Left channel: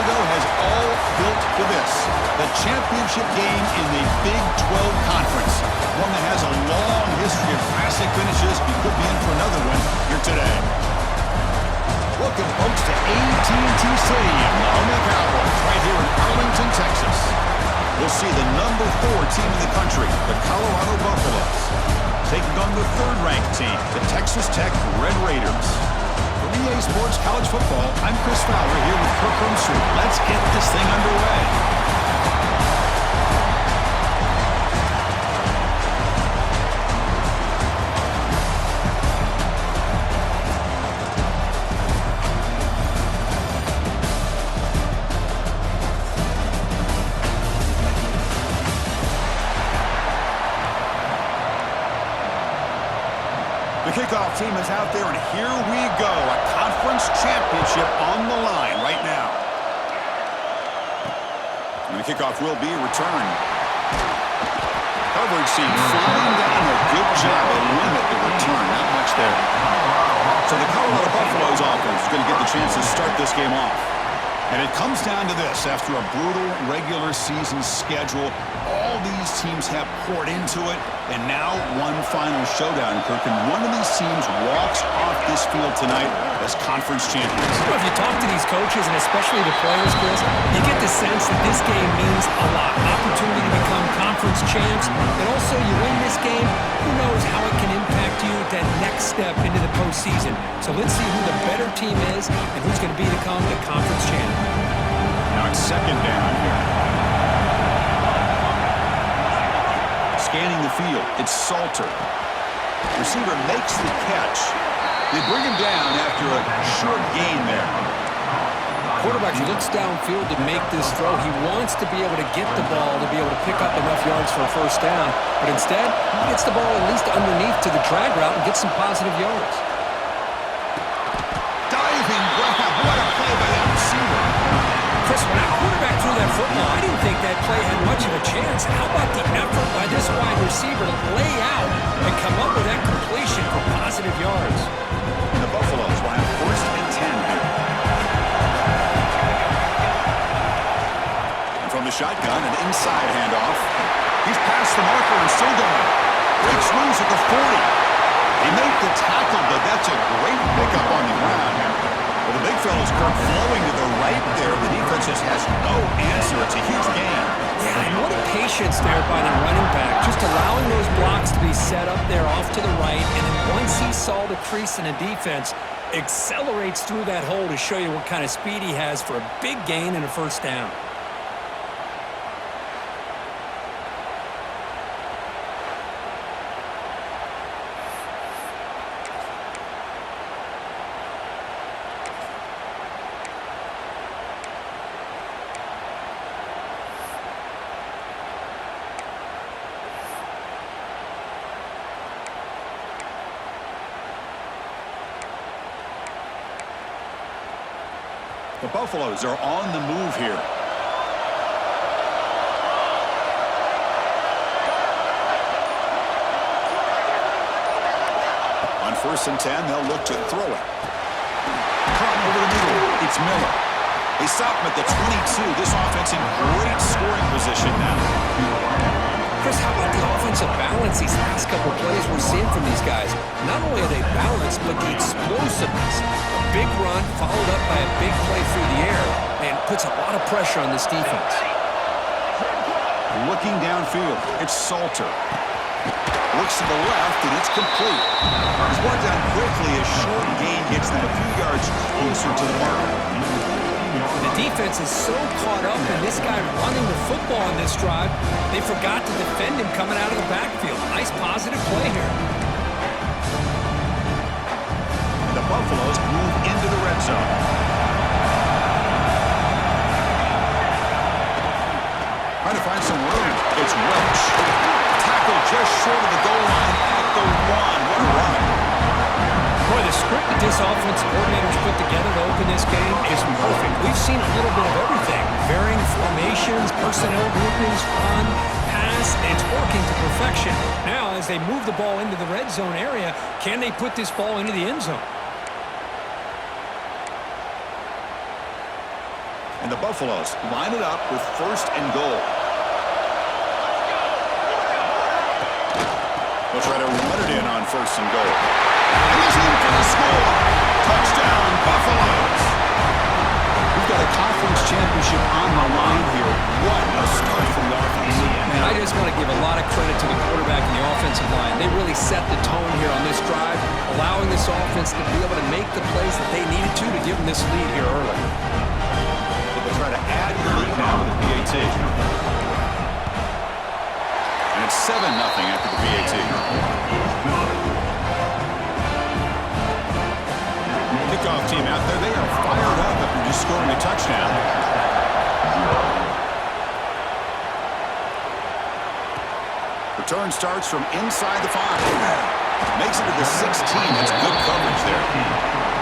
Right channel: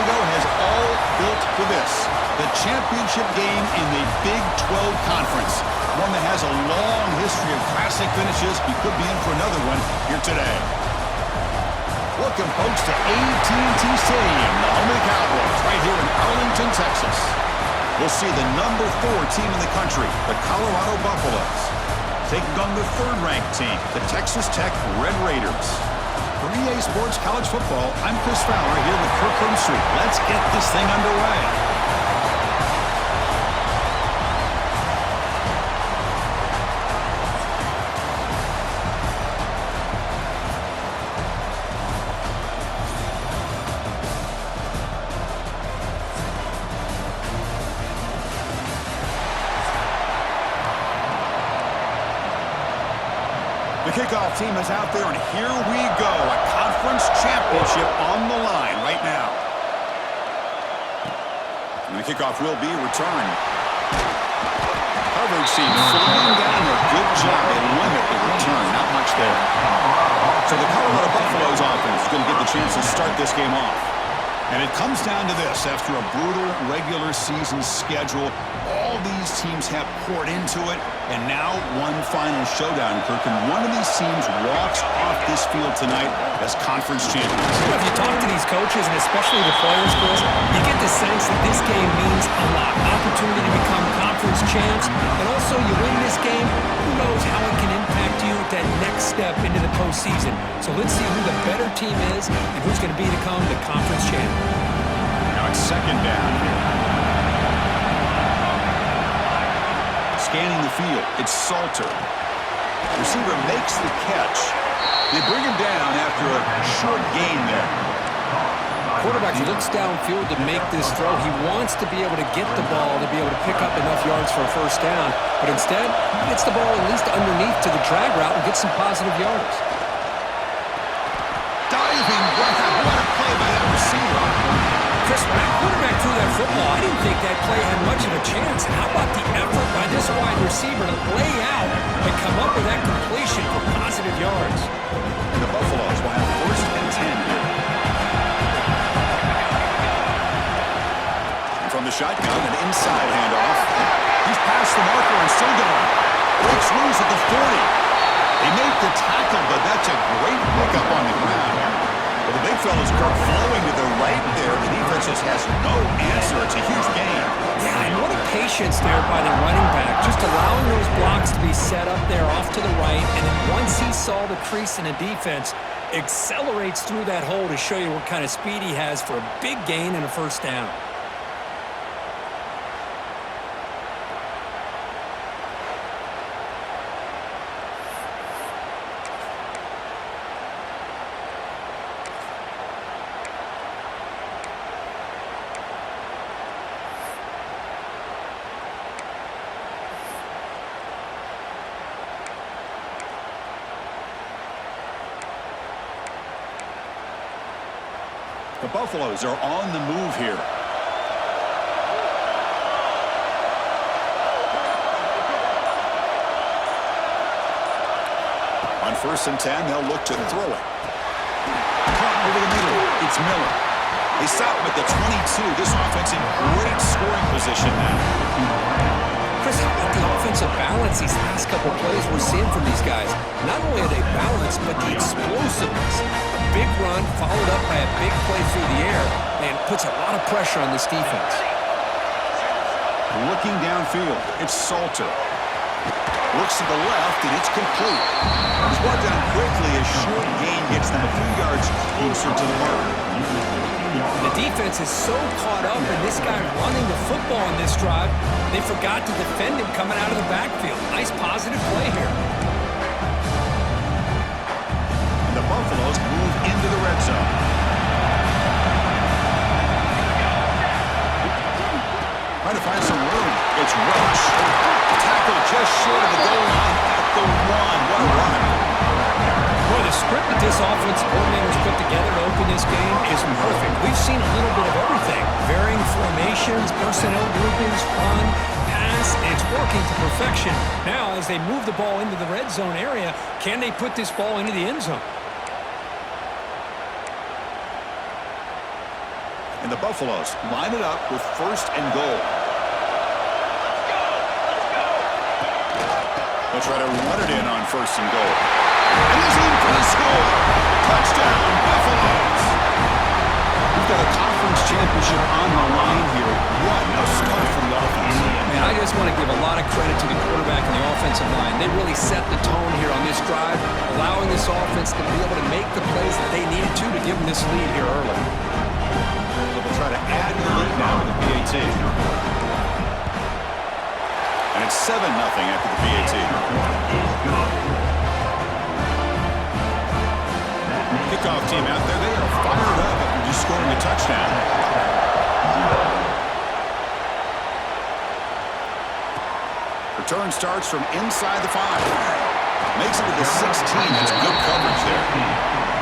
ago has all built for this. The championship game in the Big 12 Conference. One that has a long history of classic finishes. He could be in for another one here today. Welcome, folks, to AT&T Stadium, the home of the Cowboys, right here in Arlington, Texas. We'll see the number 4 team in the country, the Colorado Buffaloes, taking on the 3rd-ranked team, the Texas Tech Red Raiders. For EA Sports College Football, I'm Chris Fowler here with Kirk Herbstreit. Let's get this thing underway. The kickoff team is out there, and here we go. A conference championship on the line right now. And the kickoff will be returned. Coverage seems flying down there. Good job. They limit the return. Not much there. So the Colorado Buffaloes offense is going to get the chance to start this game off. And it comes down to this. After a brutal regular season schedule, all these teams have poured into it, and now one final showdown, Kirk, and one of these teams walks off this field tonight as conference champions. Well, if you talk to these coaches, and especially the players, Chris, you get the sense that this game means a lot. Opportunity to become conference champs, and also you win this game, who knows how it can impact you that next step into the postseason. So let's see who the better team is and who's going to become the conference champ. Now it's 2nd down here. Scanning the field, it's Salter. Receiver makes the catch. They bring him down after a short gain there. Quarterback looks downfield to make this throw. He wants to be able to get the ball to be able to pick up enough yards for a first down, but instead, he gets the ball at least underneath to the drag route and gets some positive yards. Diving grab, what a play by that receiver. Chris, when that quarterback threw that football, I didn't think that play had much of a chance. How about the effort by this wide receiver to lay out and come up with that completion for positive yards? And the Buffaloes will have 1st and 10 here. And from the shotgun, an inside handoff. He's past the marker and still going. Breaks loose at the 40. They make the tackle, but that's a great pickup on the ground. Well, the big fella's, Kirk, flowing to the right there. The defense just has no answer. It's a huge gain. Yeah, and what a patience there by the running back. Just allowing those blocks to be set up there off to the right. And then once he saw the crease in the defense, accelerates through that hole to show you what kind of speed he has for a big gain and a first down. The Buffaloes are on the move here. On 1st and 10, they'll look to throw it. Caught over the middle. It's Miller. They stop him at the 22. This offense in great scoring position now. Chris, how about the offensive balance these last couple plays we're seeing from these guys? Not only are they balanced, but the explosiveness. A big run followed up by a big play through the air and puts a lot of pressure on this defense. Looking downfield, it's Salter. Looks to the left, and it's complete. He's brought down quickly as short gain gets them a few yards closer to the mark. The defense is so caught up in this guy running the football on this drive, they forgot to defend him coming out of the backfield. Nice positive play here. And the Buffaloes move into the red zone. Trying to find some room. It's Welch. Tackled just short of the goal line at the 1. What a run. Boy, the script that this offensive coordinator's put together to open this game is perfect. We've seen a little bit of everything. Varying formations, personnel groupings, run, pass, and it's working to perfection. Now, as they move the ball into the red zone area, can they put this ball into the end zone? And And the Buffaloes line it up with 1st and goal. They'll try to run it in on 1st and goal. And he's in for the score. Touchdown, Buffaloes. We've got a conference championship on the line here. What a start for the offense. Man, I just want to give a lot of credit to the quarterback and the offensive line. They really set the tone here on this drive, allowing this offense to be able to make the plays that they needed to give them this lead here early. So they'll try to add to the lead now with the PAT. And it's 7-0 after the PAT. Kickoff team out there. They are fired up after just scoring a touchdown. Return starts from inside the 5. Makes it to the 16. That's good coverage there.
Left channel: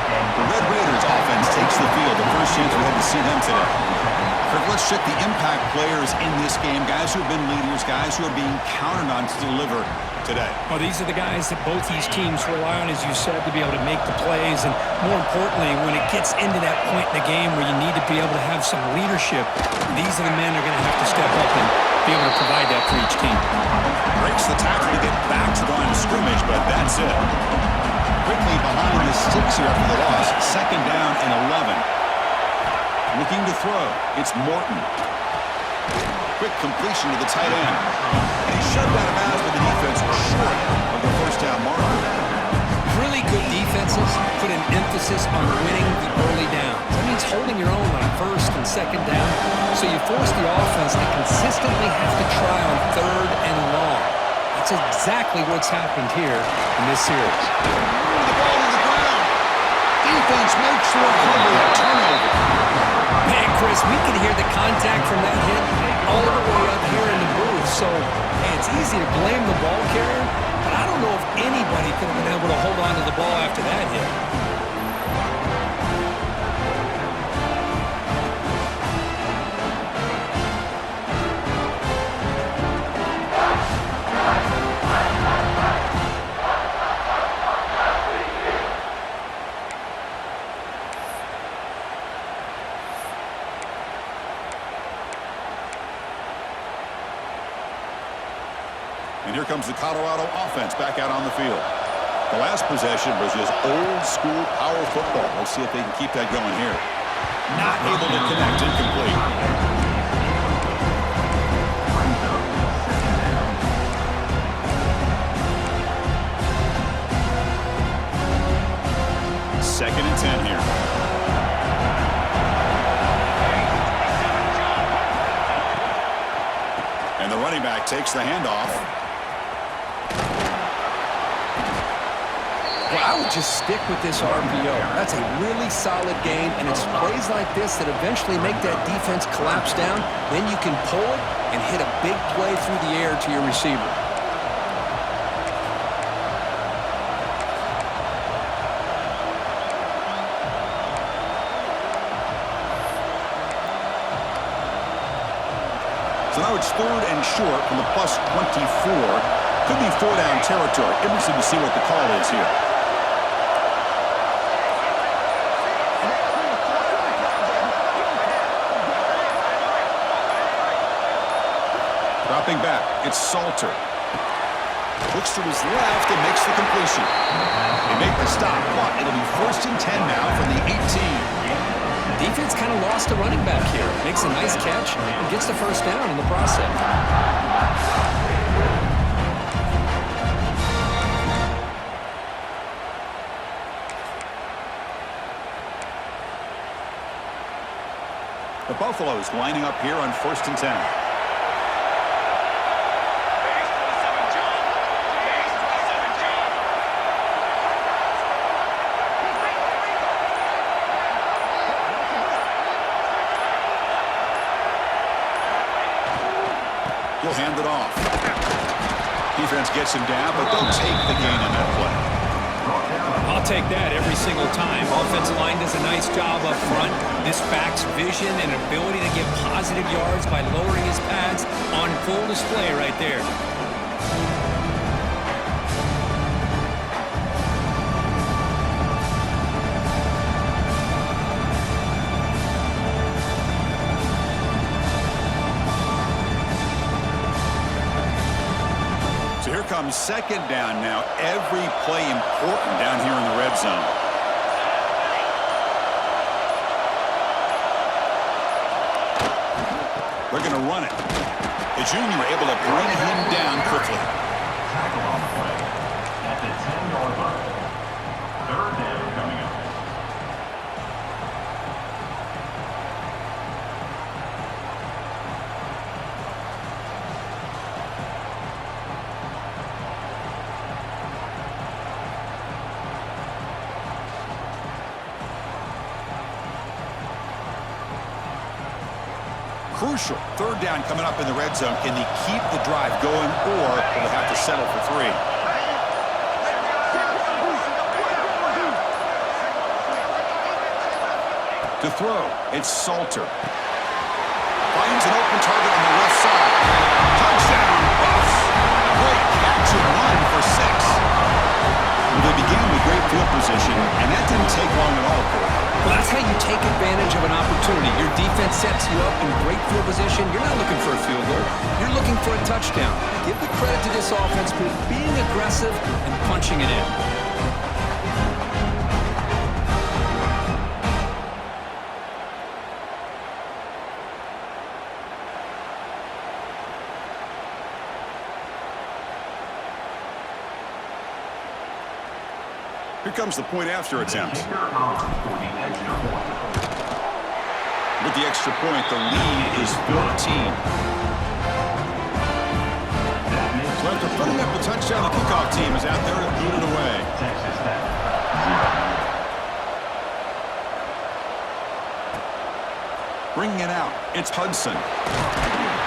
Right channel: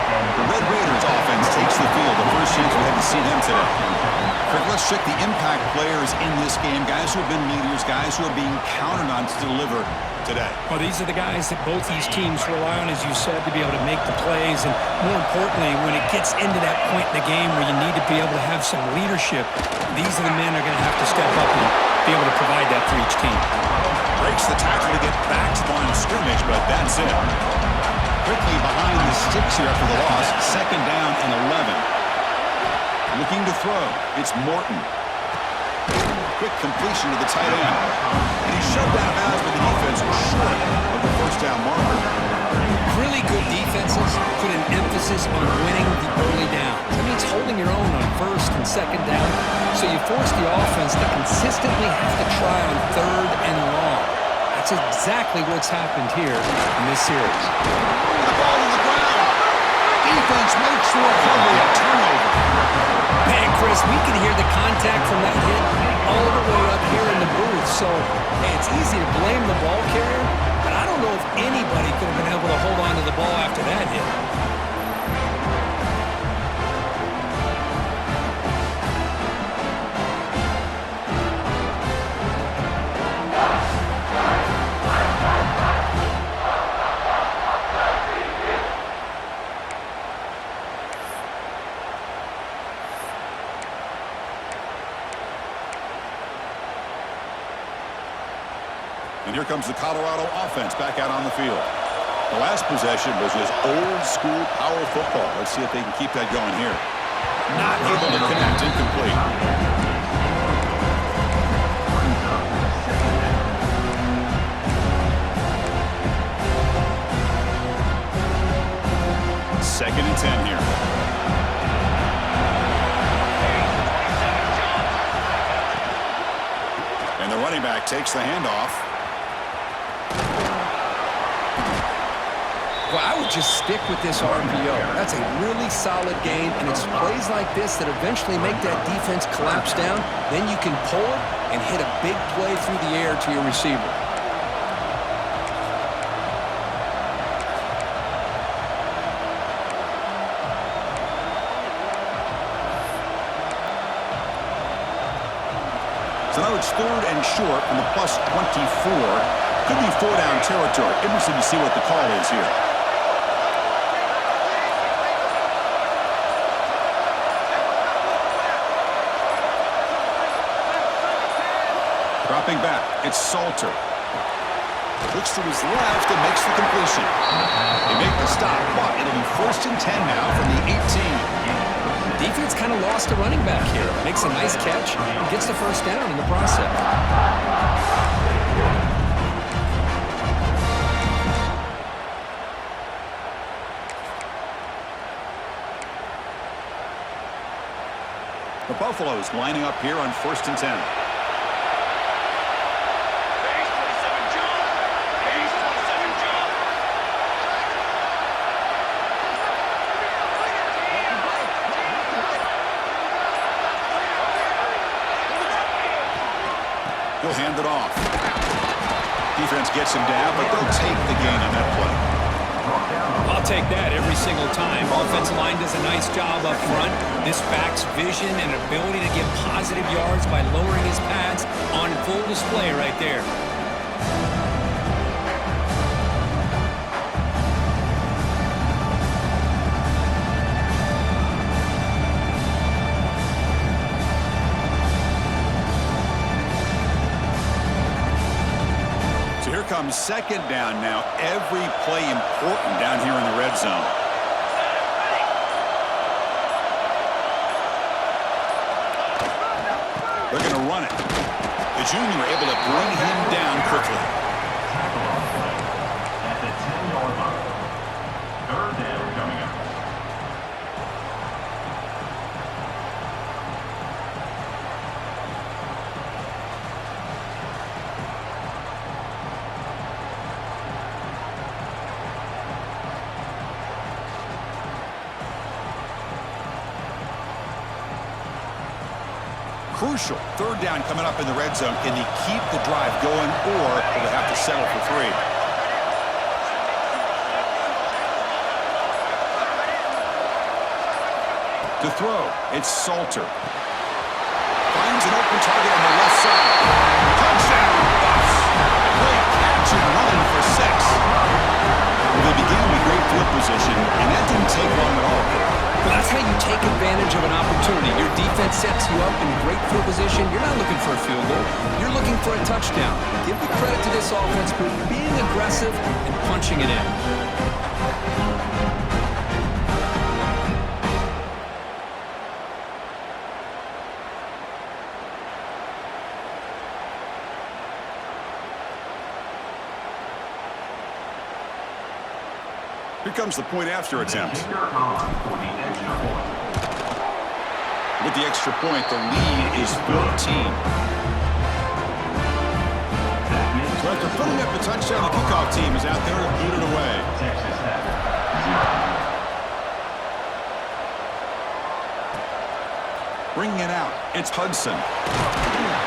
The Red Raiders offense takes the field. The first chance we had to see them today. Kirk, let's check the impact players in this game. Guys who have been leaders, guys who are being counted on to deliver today. Well, these are the guys that both these teams rely on, as you said, to be able to make the plays. And more importantly, when it gets into that point in the game where you need to be able to have some leadership, these are the men who are going to have to step up and be able to provide that for each team. Breaks the tackle to get back to the line of scrimmage, but that's it. Quickly behind the sticks here after the loss. 2nd down and 11. Looking to throw. It's Morton. Quick completion to the tight end. And he's shoved out of bounds by the defense short of the 1st down marker. Really good defenses put an emphasis on winning the early downs. That means holding your own on 1st and 2nd down. So you force the offense to consistently have to try on 3rd and long. That's exactly what's happened here in this series. The ball on the ground. Defense makes the recovery. A turnover. Man, Chris, we can hear the contact from that hit all the way up here in the booth. So, hey, it's easy to blame the ball carrier, but I don't know if anybody could have been able to hold on to the ball after that hit. And here comes the Colorado offense back out on the field. The last possession was just old-school power football. Let's see if they can keep that going here. Not able to connect. Incomplete. Second and 10 here. And the running back takes the handoff. Well, I would just stick with this RPO. That's a really solid game, and it's plays like this that eventually make that defense collapse down. Then you can pull it and hit a big play through the air to your receiver. So now it's 3rd and short from the plus 24. Could be 4-down territory. Interesting to see what the call is here. Dropping back, it's Salter. Looks to his left and makes the completion. They make the stop, but it'll be 1st and 10 now from the 18. Defense kind of lost a running back here. Makes a nice catch and gets the 1st down in the process. The Buffaloes lining up here on 1st and 10. He'll hand it off. Defense gets him down, but they'll take the gain on that play. I'll take that every single time. Offensive line does a nice job up front. This back's vision and ability to get positive yards by lowering his pads on full display right there. So here comes second down now. Every play important down here in the red zone. They're going to run it. The junior able to bring him down quickly. Tackle on the play at the 10-yard line. Third down coming up. Crucial. Third down coming up in the red zone. Can they keep the drive going, or will they have to settle for 3? To throw, it's Salter. Finds an open target on the left side. Touchdown, Buffs! A great catch and run for 6. Well, they began with great field position, and that didn't take long at all, Kirk. Well, that's how you take advantage of an opportunity. Your defense sets you up in great field position. You're not looking for a field goal. You're looking for a touchdown. Give the credit to this offense for being aggressive and punching it in. Here comes the point after attempt. With the extra point, the lead is 14. So after putting up the touchdown, the kickoff team is out there to boot it away. Bringing it out, it's Hudson.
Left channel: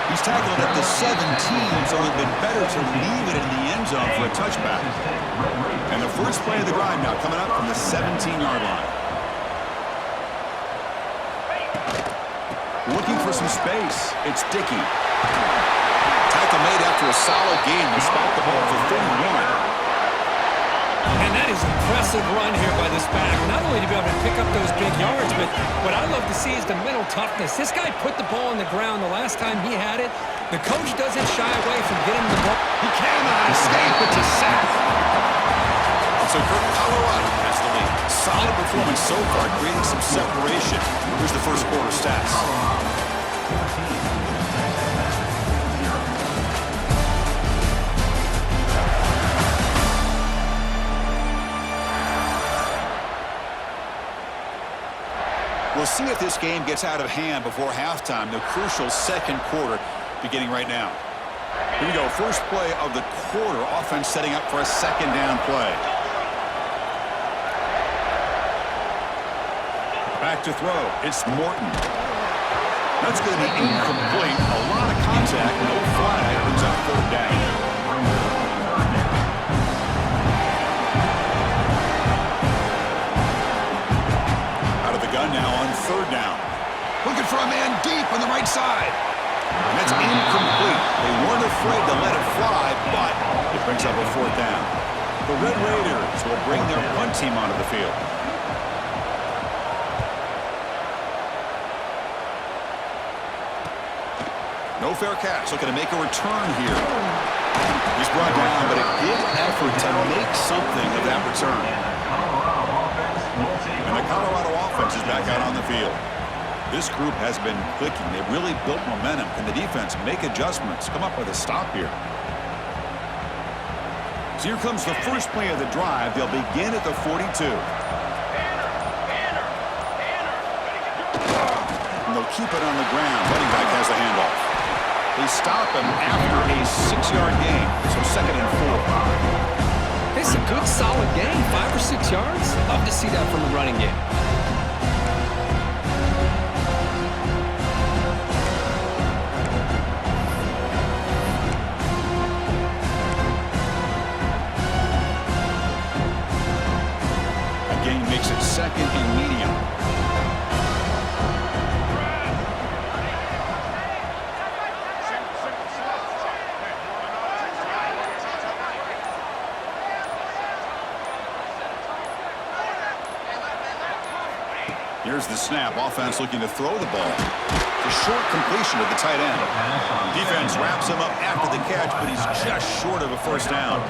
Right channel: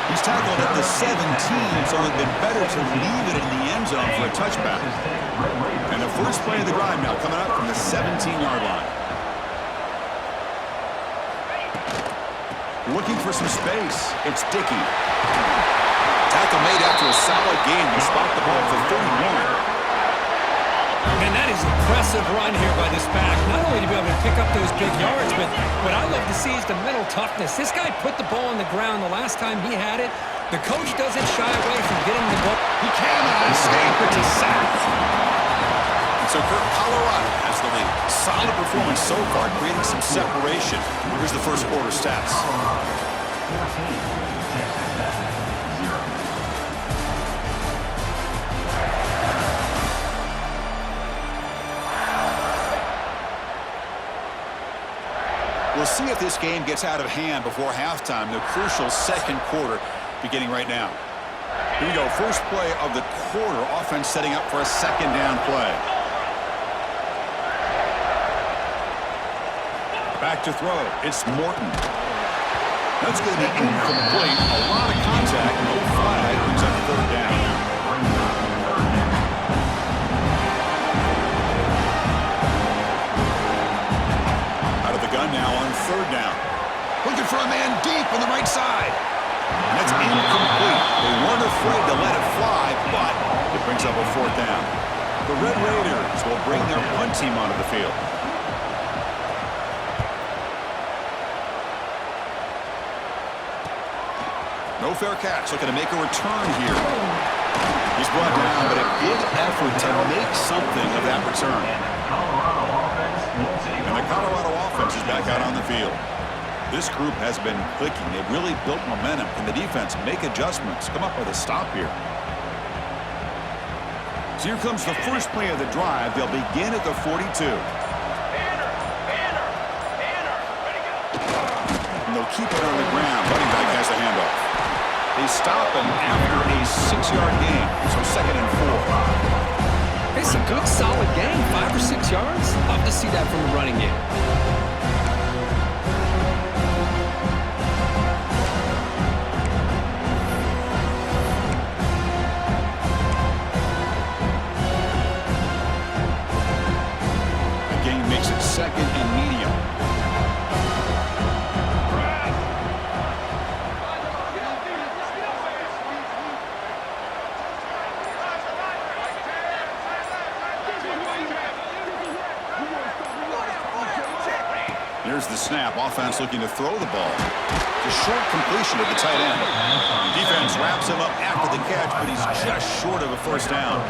He's tackled at the 17, so it would have been better to leave it in the end zone for a touchback. And the first play of the drive now coming up from the 17-yard line. Looking for some space. It's Dickey. Tackle made after a solid gain to spot the ball for 31. And that is an impressive run here by this back. Not only to be able to pick up those big yards, but what I love to see is the mental toughness. This guy put the ball on the ground the last time he had it. The coach doesn't shy away from getting the ball. He cannot escape. It's a sack. And so Kirk, Colorado has the lead. Solid performance so far, creating some separation. Here's the first quarter stats. 14. We'll see if this game gets out of hand before halftime. The crucial second quarter beginning right now. Here we go. First play of the quarter. Offense setting up for a second down play. Back to throw. It's Morton. That's going to be incomplete. A lot of contact. No flag. Brings up third down. Gun now on third down. Looking for a man deep on the right side. And that's incomplete. They weren't afraid to let it fly, but it brings up a fourth down. The Red Raiders will bring their punt team onto the field. No fair catch. Looking to make a return here. He's brought down, but a good effort to make something of that return. And the Colorado offense is back out on the field. This group has been clicking. They've really built momentum. Can the defense make adjustments? Come up with a stop here. So here comes the first play of the drive. They'll begin at the 42. And they'll keep it on the ground. Running back has the handoff. They stop him after a 6-yard gain. So 2nd and 4. It's a good, solid game. 5 or 6 yards. Love to see that from the running game. A gain makes it 2nd and medium. Here's the snap. Offense looking to throw the ball. The short completion of the tight end. Defense wraps him up after the catch, but he's just short of a first down.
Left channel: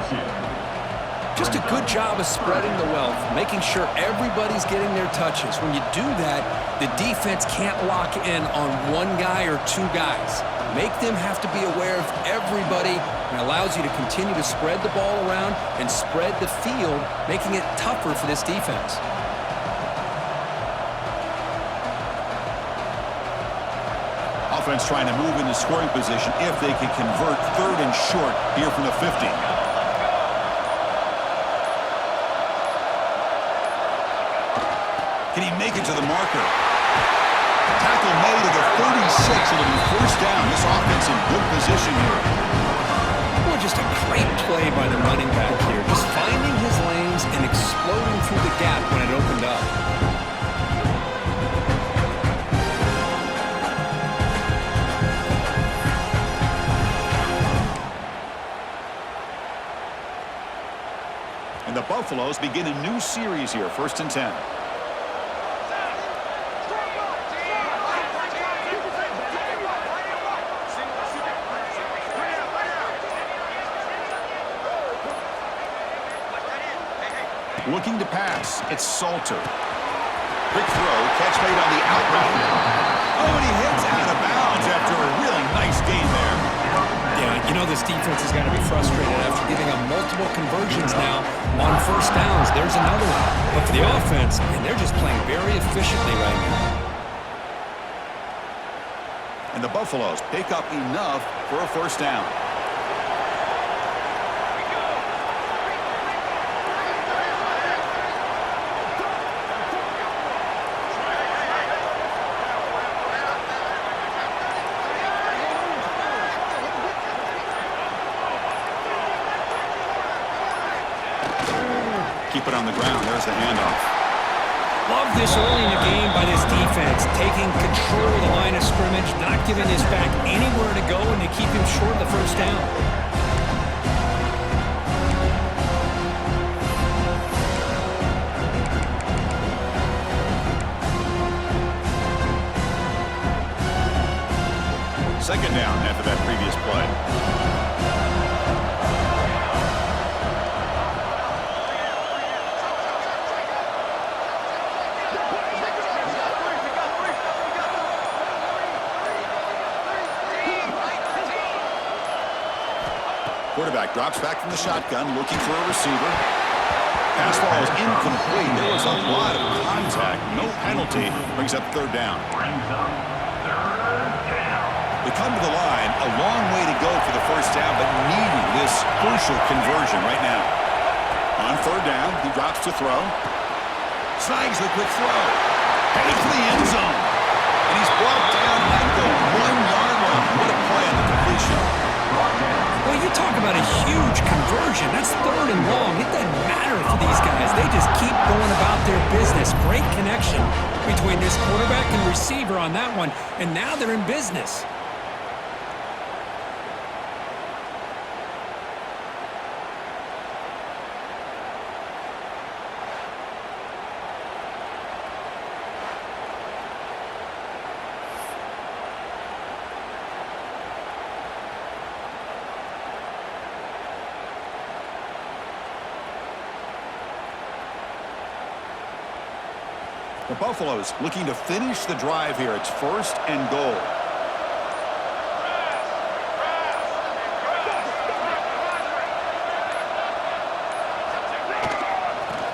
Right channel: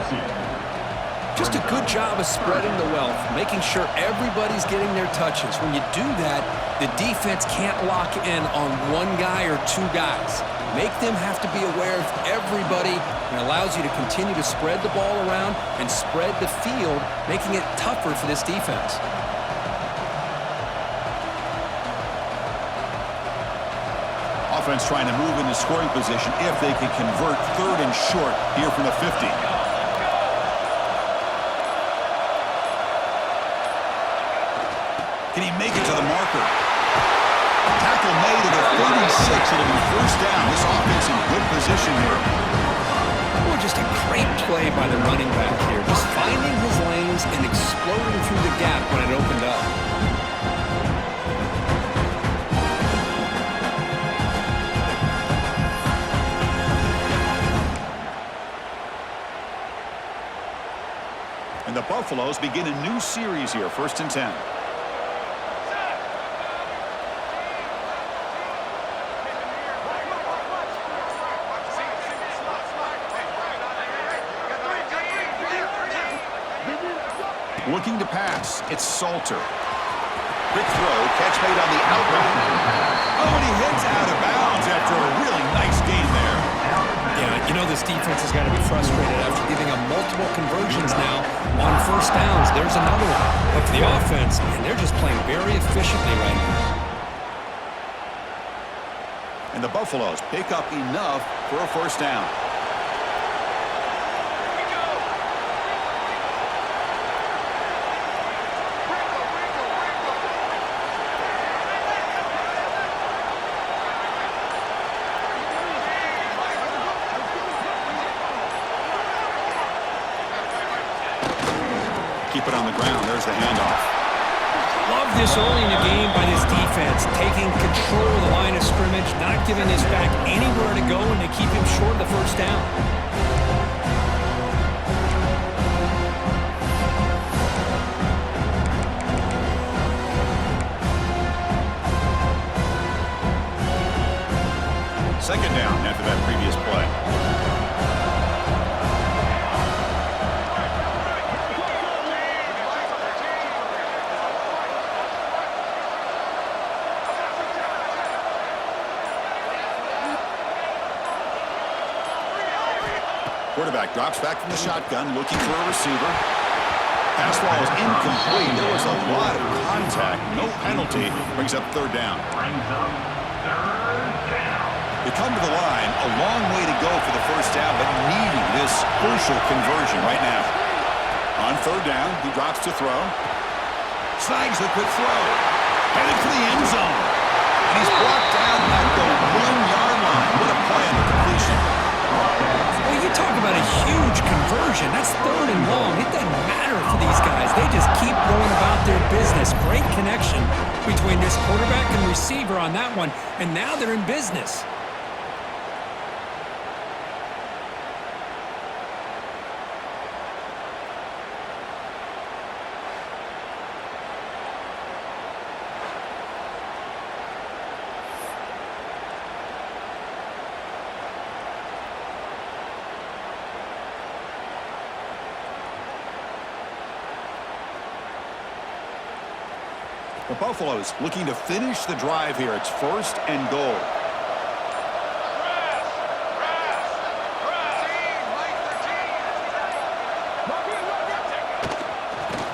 Just a good job of spreading the wealth, making sure everybody's getting their touches. When you do that, the defense can't lock in on one guy or two guys. Make them have to be aware of everybody, and allows you to continue to spread the ball around and spread the field, making it tougher for this defense. Offense trying to move into scoring position if they can convert third and short here from the 50. Can he make it to the marker? Tackle made at the 36. It'll be first down. This offense in good position here. Well, just a great play by the running back here. Just finding his lanes and exploding through the gap when it opened up. And the Buffaloes begin a new series here, 1st and 10. Looking to pass. It's Salter. Quick throw. Catch made on the out route. Oh, and he heads out of bounds after a really nice gain there. Yeah, you know this defense has got to be frustrated after giving up multiple conversions now on first downs. There's another one. But for the offense, and they're just playing very efficiently right now. And the Buffaloes pick up enough for a first down. Keep it on the ground. There's the handoff. Love this early in the game by this defense, taking control of the line of scrimmage, not giving his back anywhere to go, and to keep him short of the first down. Second down after that previous play. Quarterback drops back from the shotgun, looking for a receiver. Pass ball is incomplete. There was a lot of contact. No penalty. Brings up third down. They come to the line. A long way to go for the first down, but needing this crucial conversion right now. On third down, he drops to throw. Snags a quick throw. Headed for the end zone. And he's brought down at the 1-yard line. What a play on the completion. Well, you talk about a huge conversion. That's third and long. It doesn't matter for these guys. They just keep going about their business. Great connection between this quarterback and receiver on that one, and now they're in business. The Buffaloes looking to finish the drive here. It's 1st and goal.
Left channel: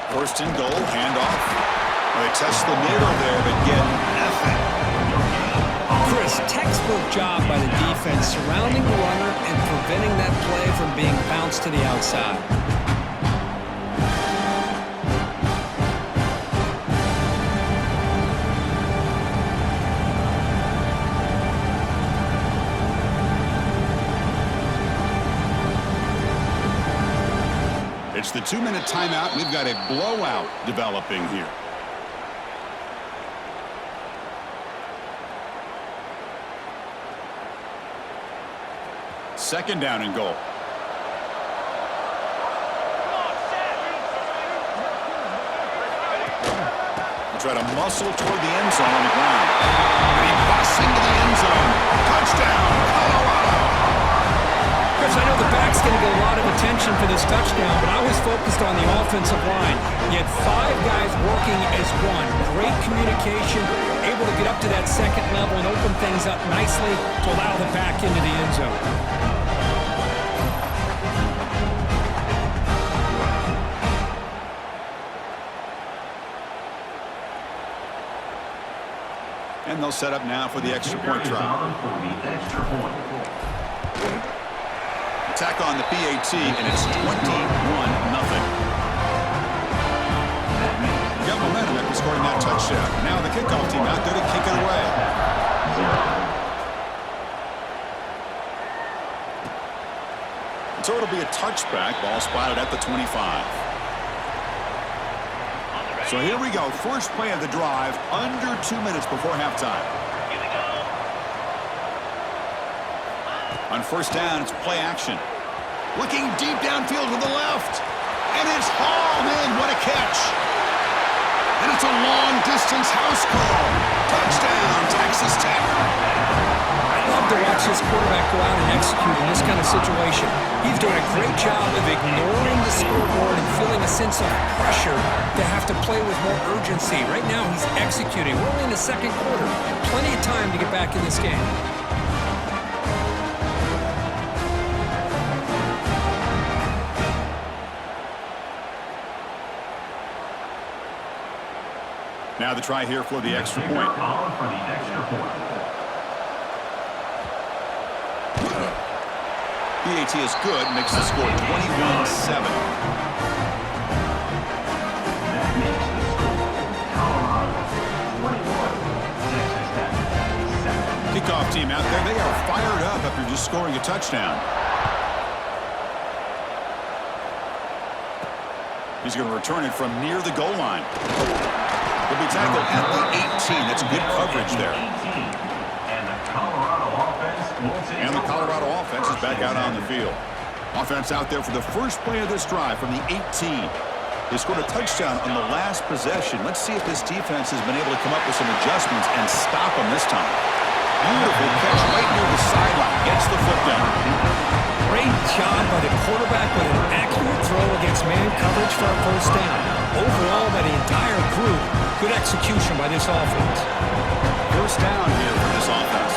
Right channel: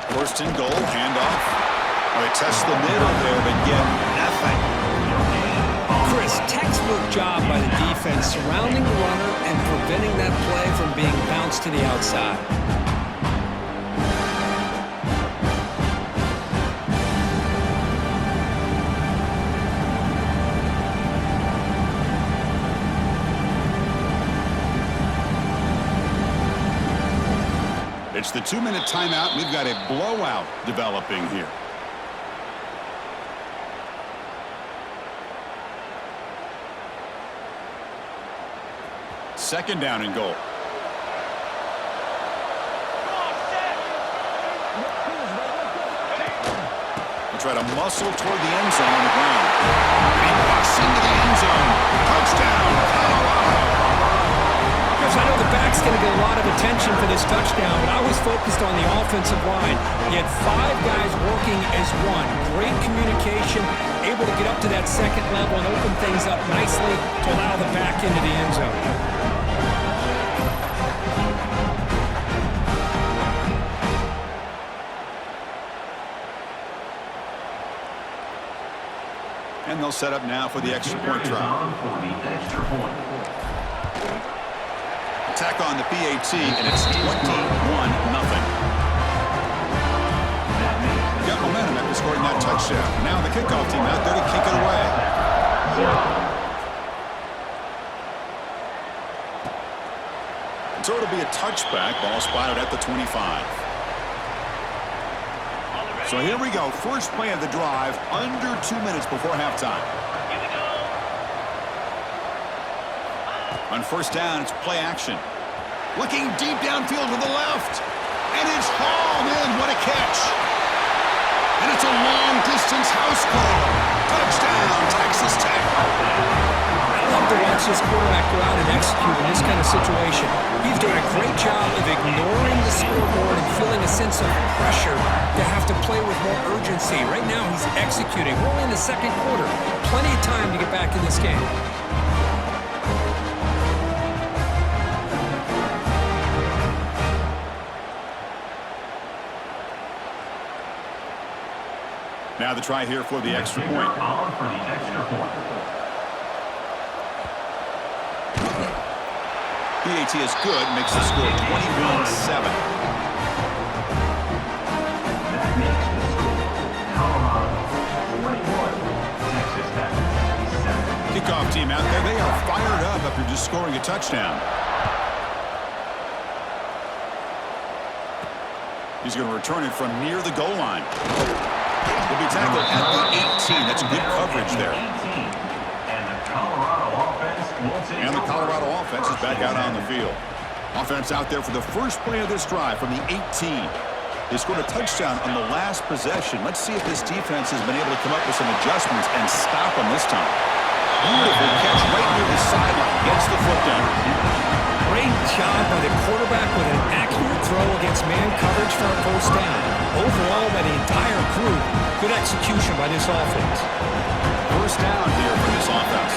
First and goal, handoff. Oh, they test the middle there, but get nothing. Chris, textbook job by the defense surrounding the runner and preventing that play from being bounced to the outside. It's the 2-minute timeout. We've got a blowout developing here. Second down and goal. Try to muscle toward the end zone on the ground. And he busts into the end zone. Touchdown, Colorado. Chris, I know the back's going to get a lot of attention for this touchdown, but I was focused on the offensive line. You had 5 guys working as one. Great communication, able to get up to that second level and open things up nicely to allow the back into the end zone. And they'll set up now for the extra point try. Attack on the PAT, and it's 21-0. Got momentum after scoring that touchdown. Now the kickoff team out there to kick it away. So it'll be a touchback. Ball spotted at the 25. So here we go. First play of the drive, under 2 minutes before halftime. Here we go. On first down, it's play action. Looking deep downfield to the left. And it's hauled in. What a catch. And it's a long-distance house call. Touchdown, Texas Tech. I love to watch this quarterback go out and execute in this kind of situation. He's doing a great job of ignoring the scoreboard and feeling a sense of pressure to have to play with more urgency. Right now, he's executing. We're only in the second quarter. Plenty of time to get back in this game. Now the try here for the extra point. On for the extra point. PAT is good, makes the score 21-7. That makes the score Colorado 21, Texas Tech 7. Kickoff team out there, they are fired up after just scoring a touchdown. He's going to return it from near the goal line. He'll be tackled at the 18. That's good coverage there. And the Colorado offense will take And the Colorado offense is back out on the field. Offense out there for the first play of this drive from the 18. They scored a touchdown on the last possession. Let's see if this defense has been able to come up with some adjustments and stop them this time. Beautiful catch right near the sideline. Gets the foot down. Great job by the quarterback with an accurate throw against man coverage for a first down. Overall, by the entire group, good execution by this offense. First down here for this offense.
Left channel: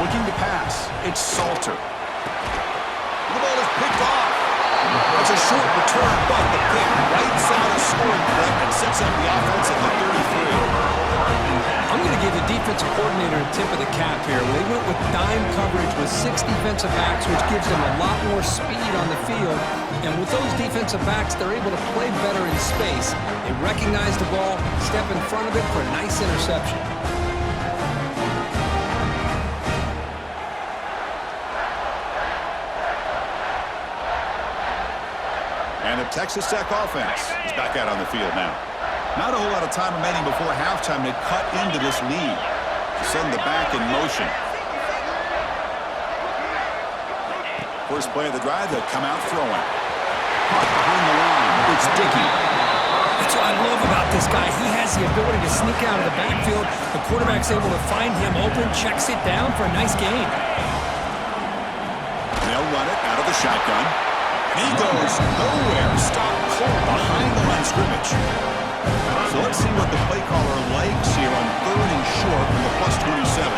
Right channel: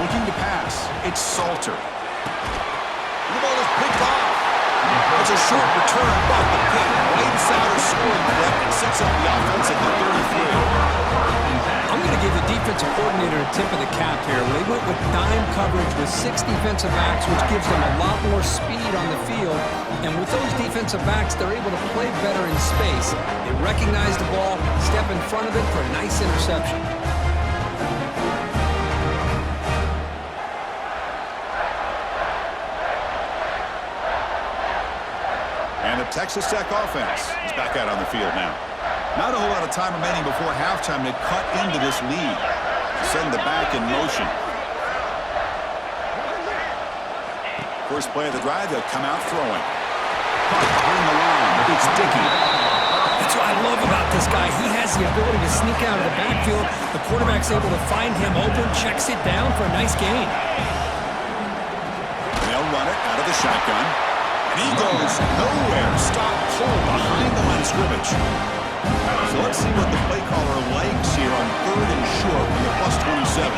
Looking to pass. It's Salter. The ball is picked off. That's a short return, but the pick wipes out a scoring threat and sets up the offense at the 33. I'm going to give the defensive coordinator a tip of the cap here. They went with dime coverage with 6 defensive backs, which gives them a lot more speed on the field. And with those defensive backs, they're able to play better in space. They recognize the ball, step in front of it for a nice interception. And the Texas Tech offense is back out on the field now. Not a whole lot of time remaining before halftime to cut into this lead. Send the back in motion. First play of the drive, they'll come out throwing. Caught behind the line. It's Dickey. That's what I love about this guy. He has the ability to sneak out of the backfield. The quarterback's able to find him open, checks it down for a nice gain. They'll run it out of the shotgun. And he goes nowhere. Stop cold behind the line of scrimmage. So let's see what the play caller likes here on 3rd and short from the +27.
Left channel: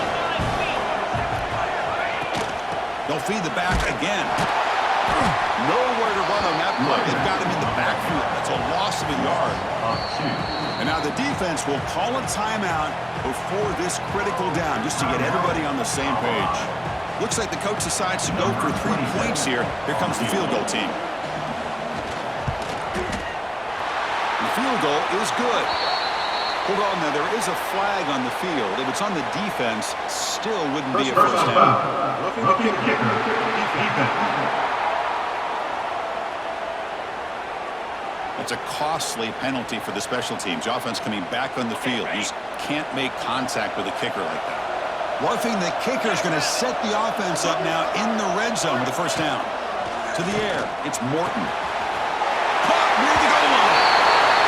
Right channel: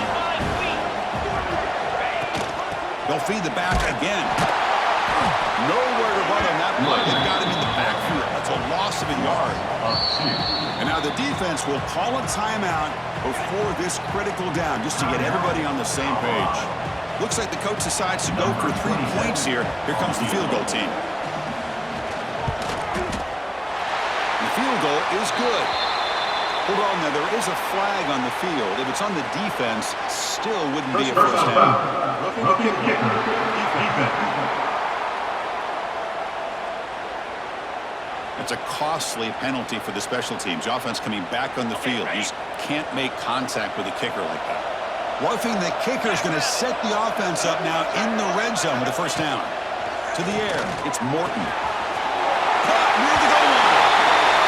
They'll feed the back again. Nowhere to run on that play. They've got him in the backfield. That's a loss of a yard. And now the defense will call a timeout before this critical down just to get everybody on the same page. Looks like the coach decides to go for 3 points here. Here comes the field goal team. The field goal is good. Hold on now, there is a flag on the field. If it's on the defense, still wouldn't be a first down. Looking to kick defense. It's a costly penalty for the special teams. Offense coming back on the field. You just can't make contact with a kicker like that. Roughing the kicker is going to set the offense up now in the red zone with a first down. To the air, it's Morton. Caught near the goal line.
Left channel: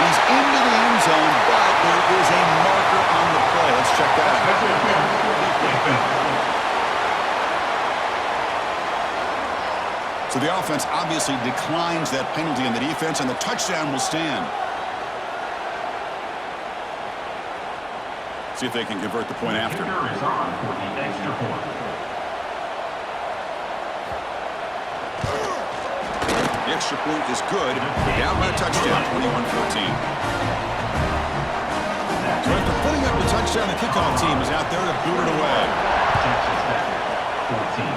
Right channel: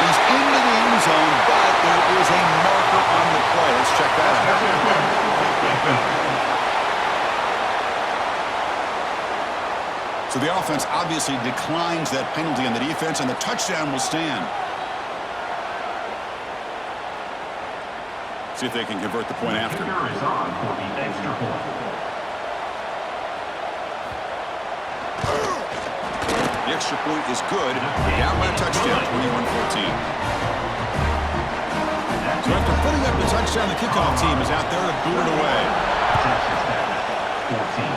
He's into the end end zone, but there is a marker on the play. Let's check that out. So the offense obviously declines that penalty on the defense, and the touchdown will stand. See if they can convert the point after. Kicker is on for the extra point. The extra point is good. They're down by a touchdown, 21-14. So after putting up the touchdown, the kickoff team is out there to boot it away. Texas Tech, 14.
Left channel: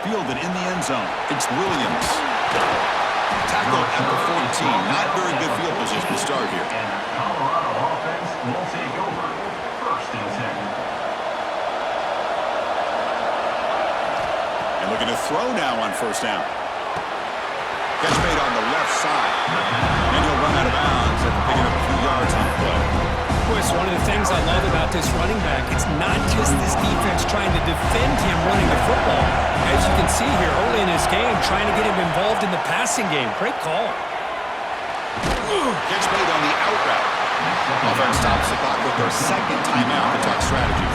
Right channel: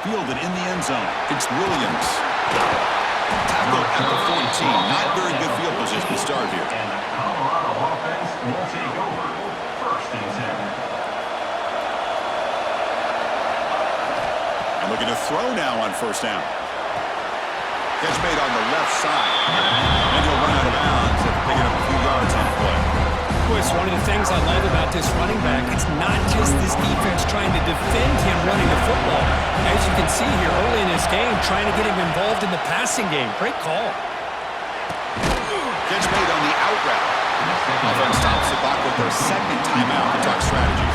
Fielded in the end zone. It's Williams. Tackled at the 14. Not very good field position to start here. And the Colorado offense will take over. 1st and 10. And looking to throw now on 1st down. Catch made on the left side. And he'll run out of bounds after picking up a few yards on the play. Boy, it's one of the things I love about this running back. It's not just this defense trying to defend him running the football. As you can see here early in this game, trying to get him involved in the passing game. Great call. Catch made on the out route. Offense stops the clock with their 2nd timeout to talk strategy.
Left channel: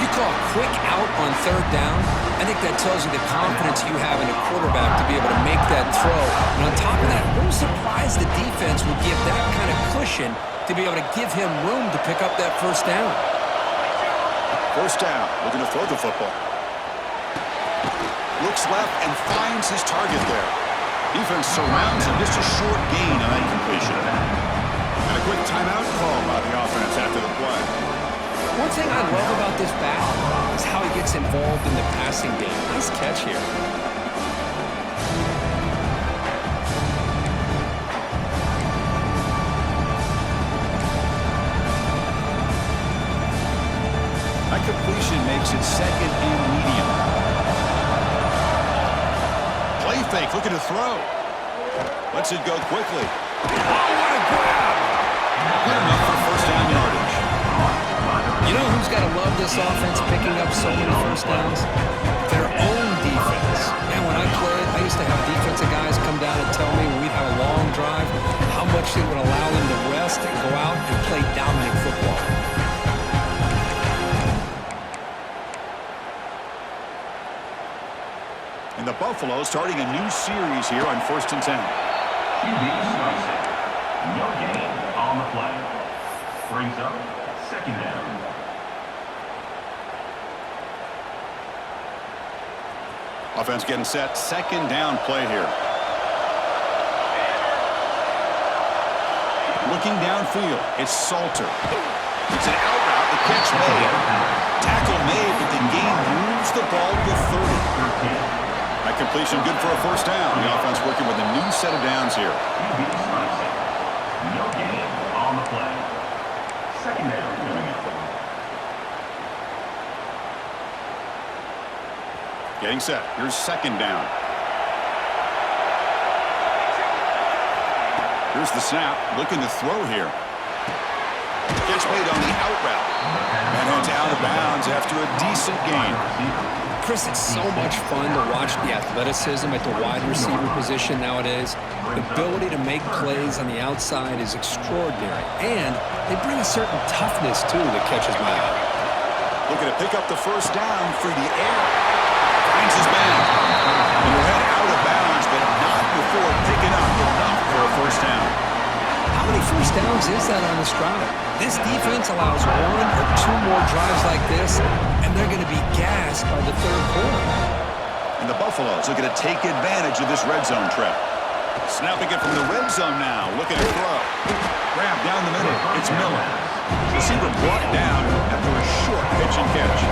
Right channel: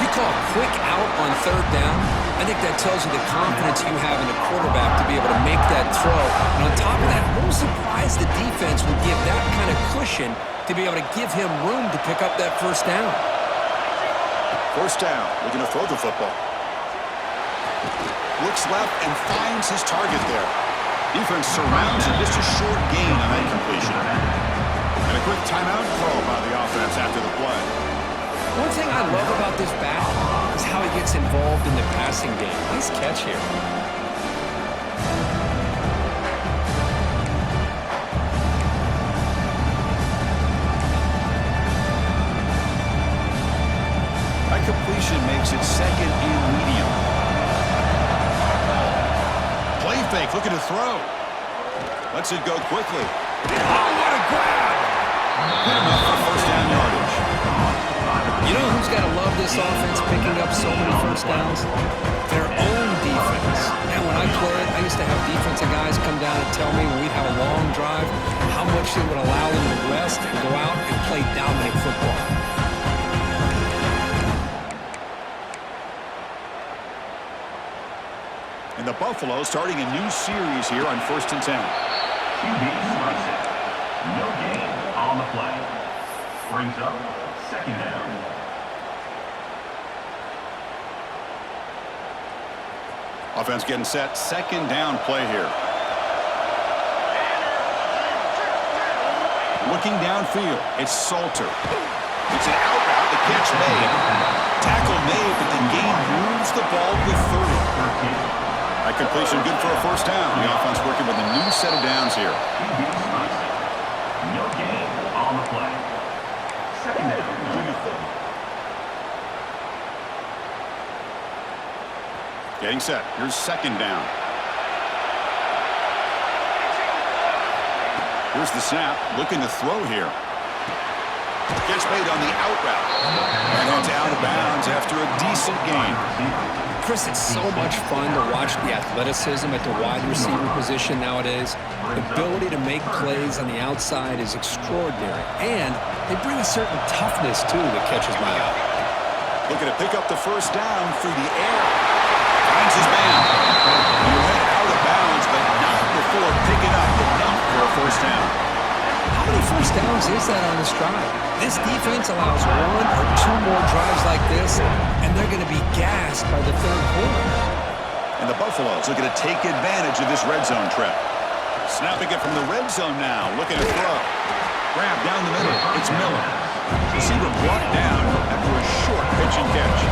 You call a quick out on 3rd down, I think that tells you the confidence you have in a quarterback to be able to make that throw. And on top of that, a little surprised the defense would give that kind of cushion to be able to give him room to pick up that 1st down. 1st down, looking to throw the football. Looks left and finds his target there. Defense surrounds him, just a short gain on that completion. And a quick timeout call by the offense after the play. One thing I love about this back is how he gets involved in the passing game. Nice catch here. That completion makes it 2nd and medium. Play fake, looking to throw. Lets it go quickly. Oh, what a grab! Good enough for 1st down yardage. You know who's got to love this offense picking up so many 1st downs? Their own defense. Man, when I played, I used to have defensive guys come down and tell me when we'd have a long drive how much it would allow them to rest and go out and play dominant football. And the Buffalo starting a new series here on 1st and 10. QB strikes it. No gain on the play. Brings up 2nd down. Offense getting set. 2nd down play here. Looking downfield. It's Salter. It's an out route. The catch made. Tackle made, but the gain moves the ball to 30. That completion good for a 1st down. The offense working with a new set of downs here. QB strikes it. No gain on the play. 2nd down. Getting set. Here's 2nd down. Here's the snap. Looking to throw here. Catch made on the out route. And it's out of bounds after a decent gain. Chris, it's so much fun to watch the athleticism at the wide receiver position nowadays. The ability to make plays on the outside is extraordinary. And they bring a certain toughness, too, that catches my eye. Looking to pick up the 1st down through the air. Finds his man. And he'll head out of bounds, but not before picking up enough for a 1st down. How many 1st downs is that on this drive? This defense allows 1 or 2 more drives like this, and they're going to be gassed by the 3rd quarter. And the Buffaloes looking to take advantage of this red zone trip. Snapping it from the red zone now, looking to throw. Grab down the middle. It's Miller. Receiver brought down after a short pitch and catch.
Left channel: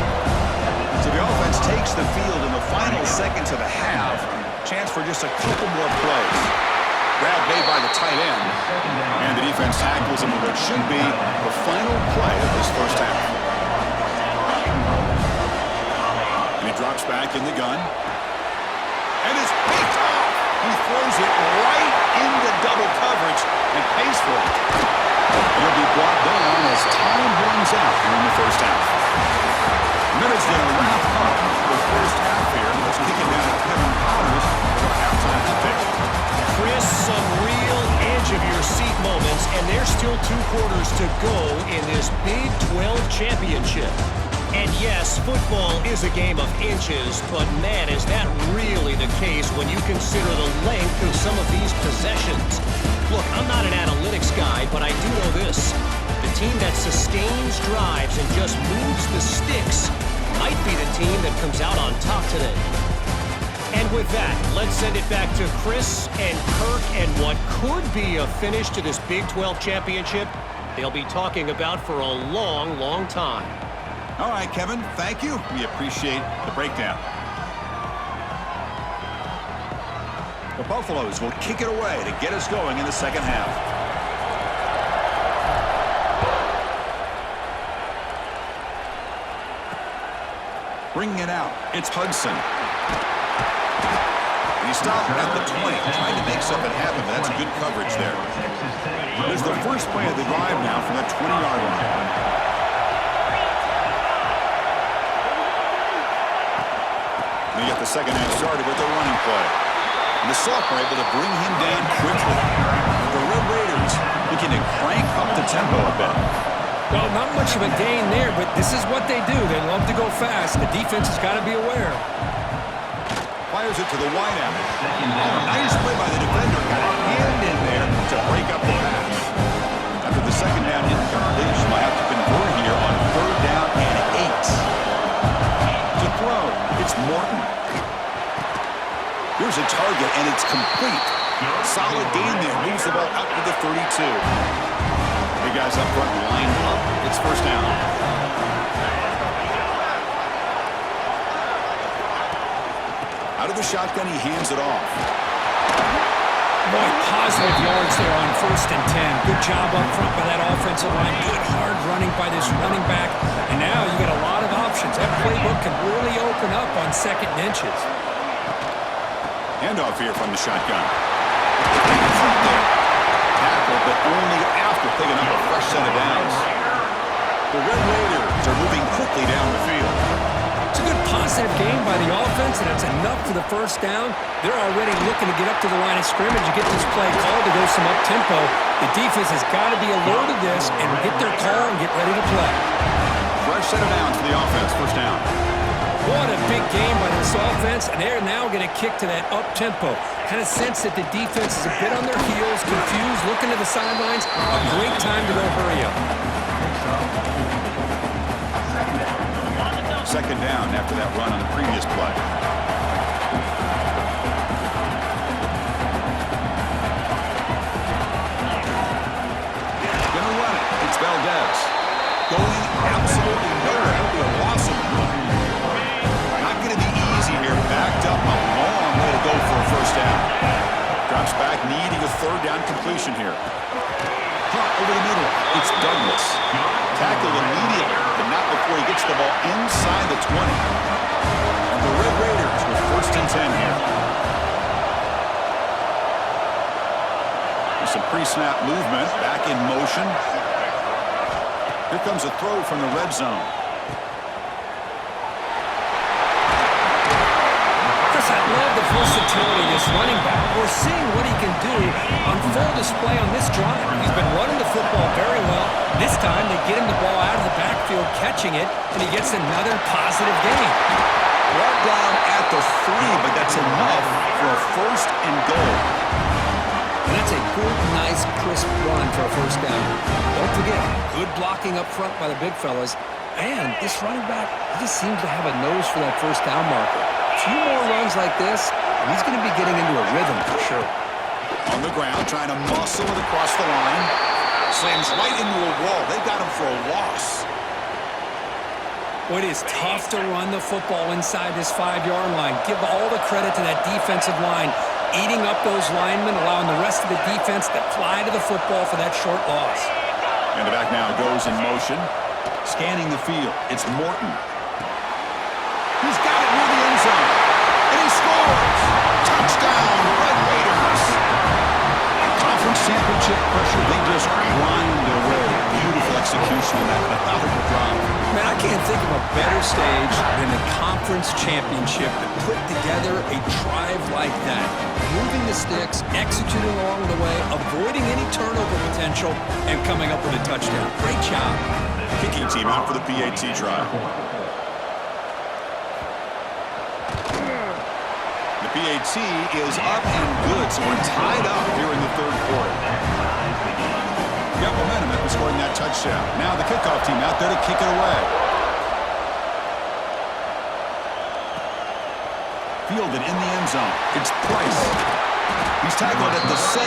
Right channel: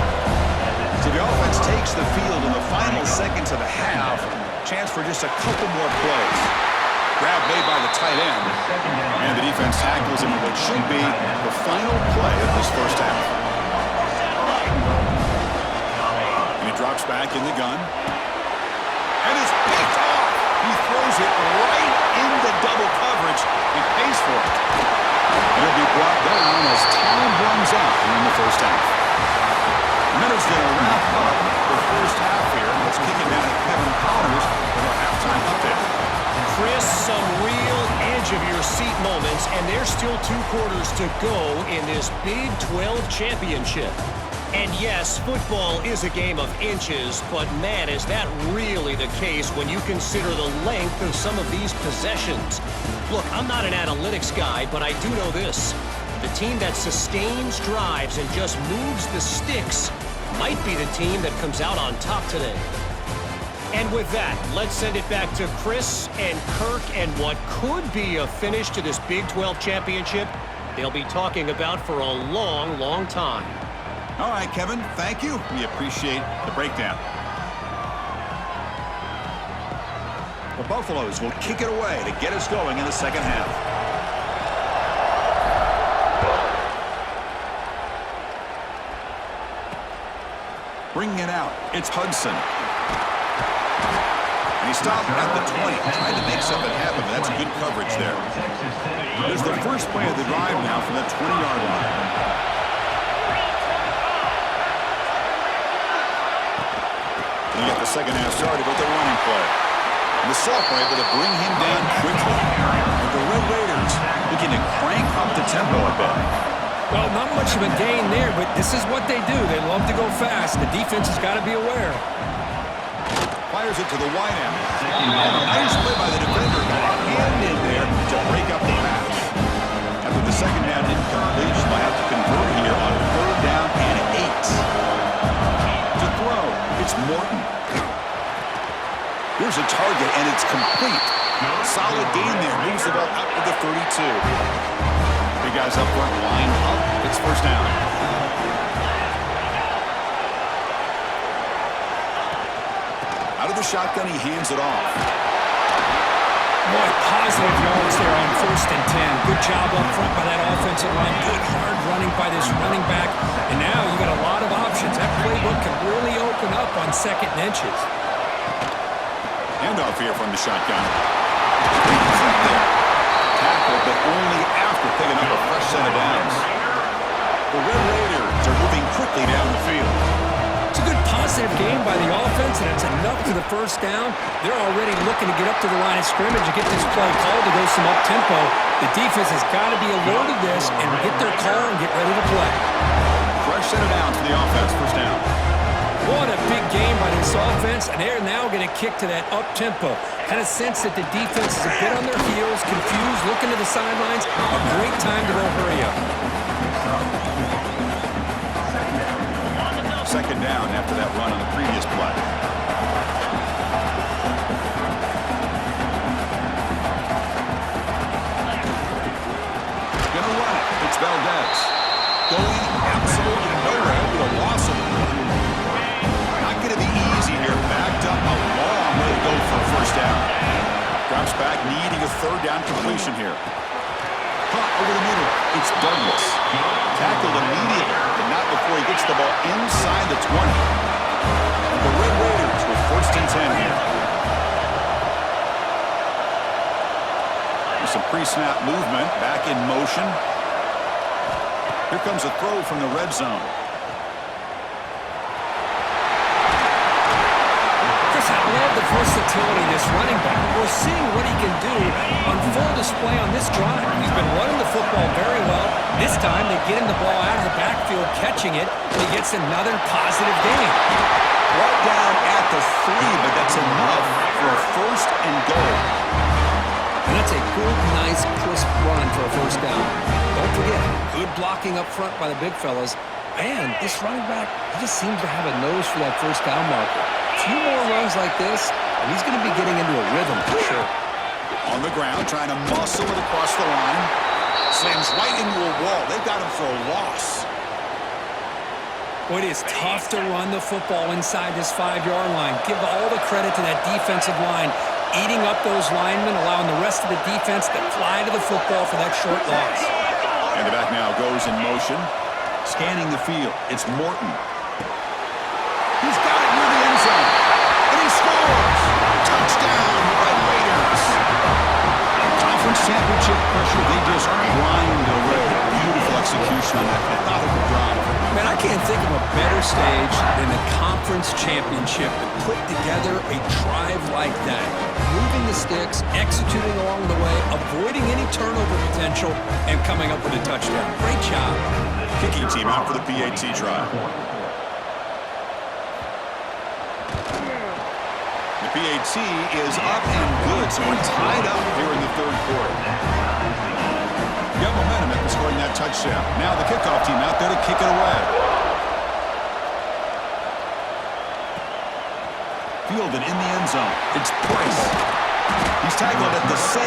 So the offense takes the field in the final seconds of the half. Chance for just a couple more plays. Grab made by the tight end. And the defense tackles him with what should be the final play of this 1st half. And he drops back in the gun. And it's picked off. He throws it right into double coverage and pays for it. And he'll be brought down as time runs out here in the 1st half. Miller's going to wrap up the 1st half here. Let's kick it down to Kevin Connors with our halftime update. Chris, some real edge-of-your-seat moments, and there's still 2 quarters to go in this Big 12 championship. And yes, football is a game of inches, but man, is that really the case when you consider the length of some of these possessions. Look, I'm not an analytics guy, but I do know this. The team that sustains drives and just moves the sticks might be the team that comes out on top today. And with that, let's send it back to Chris and Kirk and what could be a finish to this Big 12 championship they'll be talking about for a long, long time. All right, Kevin, thank you. We appreciate the breakdown. The Buffaloes will kick it away to get us going in the second half. Bringing it out, it's Hudson. And he stopped at the 20, trying to make something happen, but that's good coverage there. There's the first play of the drive now from the 20-yard line. We get the second half started with the running play. And the sophomore able to bring him down quickly. And the Red Raiders looking to crank up the tempo a bit. Well, not much of a gain there, but this is what they do. They love to go fast. The defense has got to be aware. Fires it to the wideout. Oh, nice play by the defender. Got a hand in there to break up the pass. After the second down incompletion, they'll have to convert here on 3rd down and 8. To throw, it's Morton. Here's a target, and it's complete. Solid gain there. Moves the ball out to the 32. Big guys up front lined up. It's first down. Out of the shotgun, he hands it off. Boy, positive yards there on 1st and 10. Good job up front by that offensive line. Good hard running by this running back. And now you got a lot of options. That playbook can really open up on 2nd and inches. Handoff here from the shotgun. Front there. Tackle, but only after picking up a fresh set of downs. The Red Raiders are moving quickly down the field. It's a good positive game by the offense, and it's enough for the first down. They're already looking to get up to the line of scrimmage and get this play called to go some up-tempo. The defense has got to be alert of this and get their call and get ready to play. Fresh set of downs for the offense, first down. What a big game by this offense, and they're now going to kick to that up-tempo. Kind of sense that the defense is a bit on their heels, confused, looking to the sidelines. A great time to go hurry up. Second down after that run on the previous play. Gonna run it. It's Valdez. Going absolutely nowhere with a loss of the play. Not gonna be easy here. Backed up a long way to go for a first down. Drops back, needing a 3rd down completion here. Punt over the middle. It's Douglas. Tackled immediately, but not before he gets the ball inside the 20. And the Red Raiders with 1st and 10 here. There's some pre-snap movement, back in motion. Here comes a throw from the red zone. I love the versatility of this running back. We're seeing what he can do on full display on this drive. He's been running the football very well. This time they get him the ball out of the backfield, catching it, and he gets another positive gain. Brought down at the 3, but that's enough for a 1st and goal. And that's a good, nice, crisp run for a first down. Don't forget, good blocking up front by the big fellas. And this running back, he just seems to have a nose for that first down marker. A few more runs like this, and he's going to be getting into a rhythm for sure. On the ground, trying to muscle it across the line. Slams right into a wall. They've got him for a loss. Well, it is tough to run the football inside this 5-yard line. Give all the credit to that defensive line, eating up those linemen, allowing the rest of the defense to fly to the football for that short loss. And the back now goes in motion. Scanning the field, it's Morton. He's got it near the end zone, and he scores! Touchdown, Red Raiders! Conference championship pressure, they just grind away. Beautiful execution on that methodical drive. Man, I can't think of a better stage than the conference championship to put together a drive like that. Moving the sticks, executing along the way, avoiding any turnover potential, and coming up with a touchdown. Great job. Kicking team out for the PAT try. The PAT is up and good, so we're tied up here in the third quarter. Got momentum after scoring that touchdown. Now the kickoff team out there to kick it away. Fielded in the end zone. It's Price. He's tackled at the 17,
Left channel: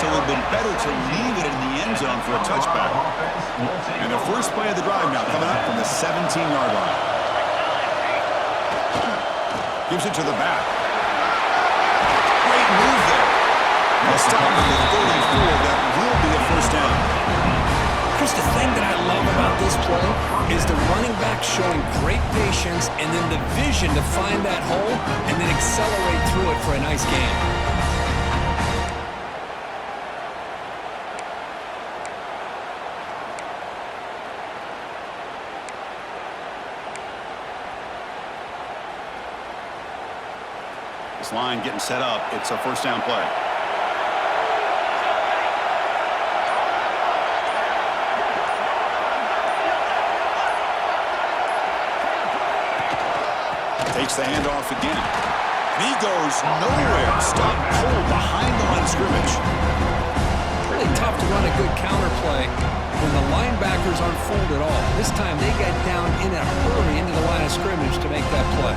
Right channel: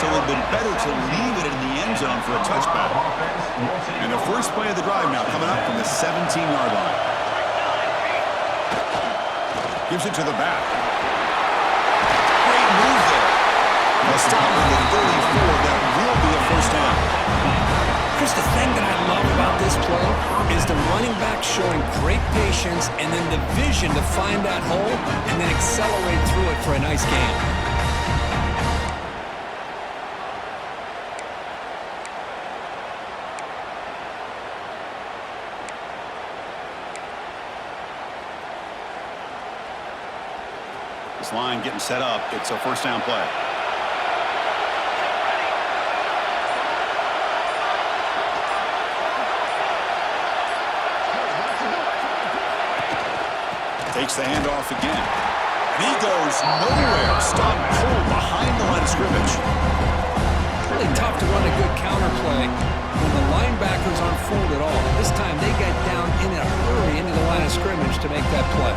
so it would have been better to leave it in the end zone for a touchback. And the first play of the drive now coming up from the 17-yard line. Gives it to the back. Great move there. A stop at the 34. That will be a first down. Chris, the thing that I love about this play is the running back showing great patience and then the vision to find that hole and then accelerate through it for a nice gain. This line getting set up. It's a first down play. Takes the handoff again. And he goes nowhere. Stop pulled behind the line of scrimmage. Really tough to run a good counter play when the linebackers aren't fooled at all. This time they got down in a hurry into the line of scrimmage to make that play.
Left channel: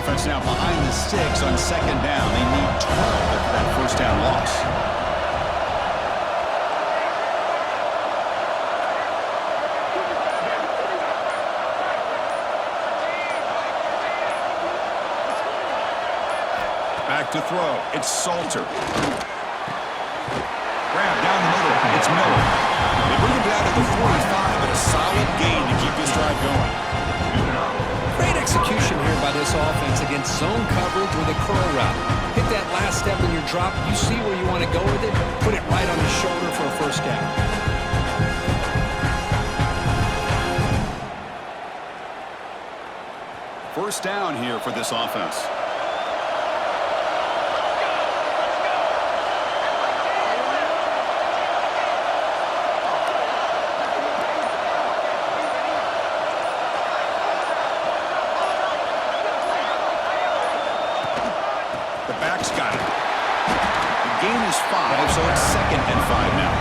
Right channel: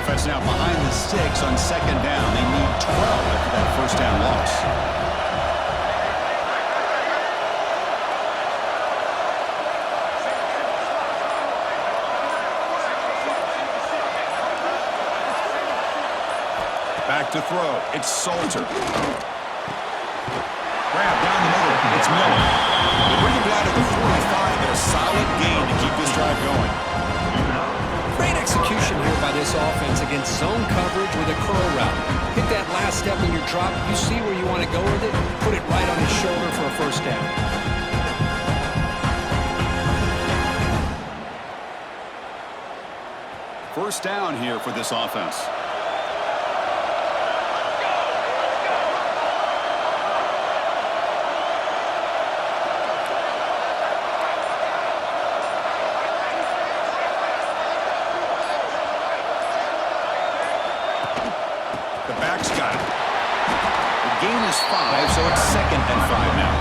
Offense now behind the sticks on second down. They need 12 after that first down loss. Back to throw. It's Salter. Grab down the middle. It's Miller. They bring him down to the 45 at a solid gain to keep this drive going. Great execution here by this offense against zone coverage with a curl route. Hit that last step in your drop. You see where you want to go with it. Put it right on his shoulder for a first down. First down here for this offense. Back's got it. The gain is 5, so it's second and 5 now.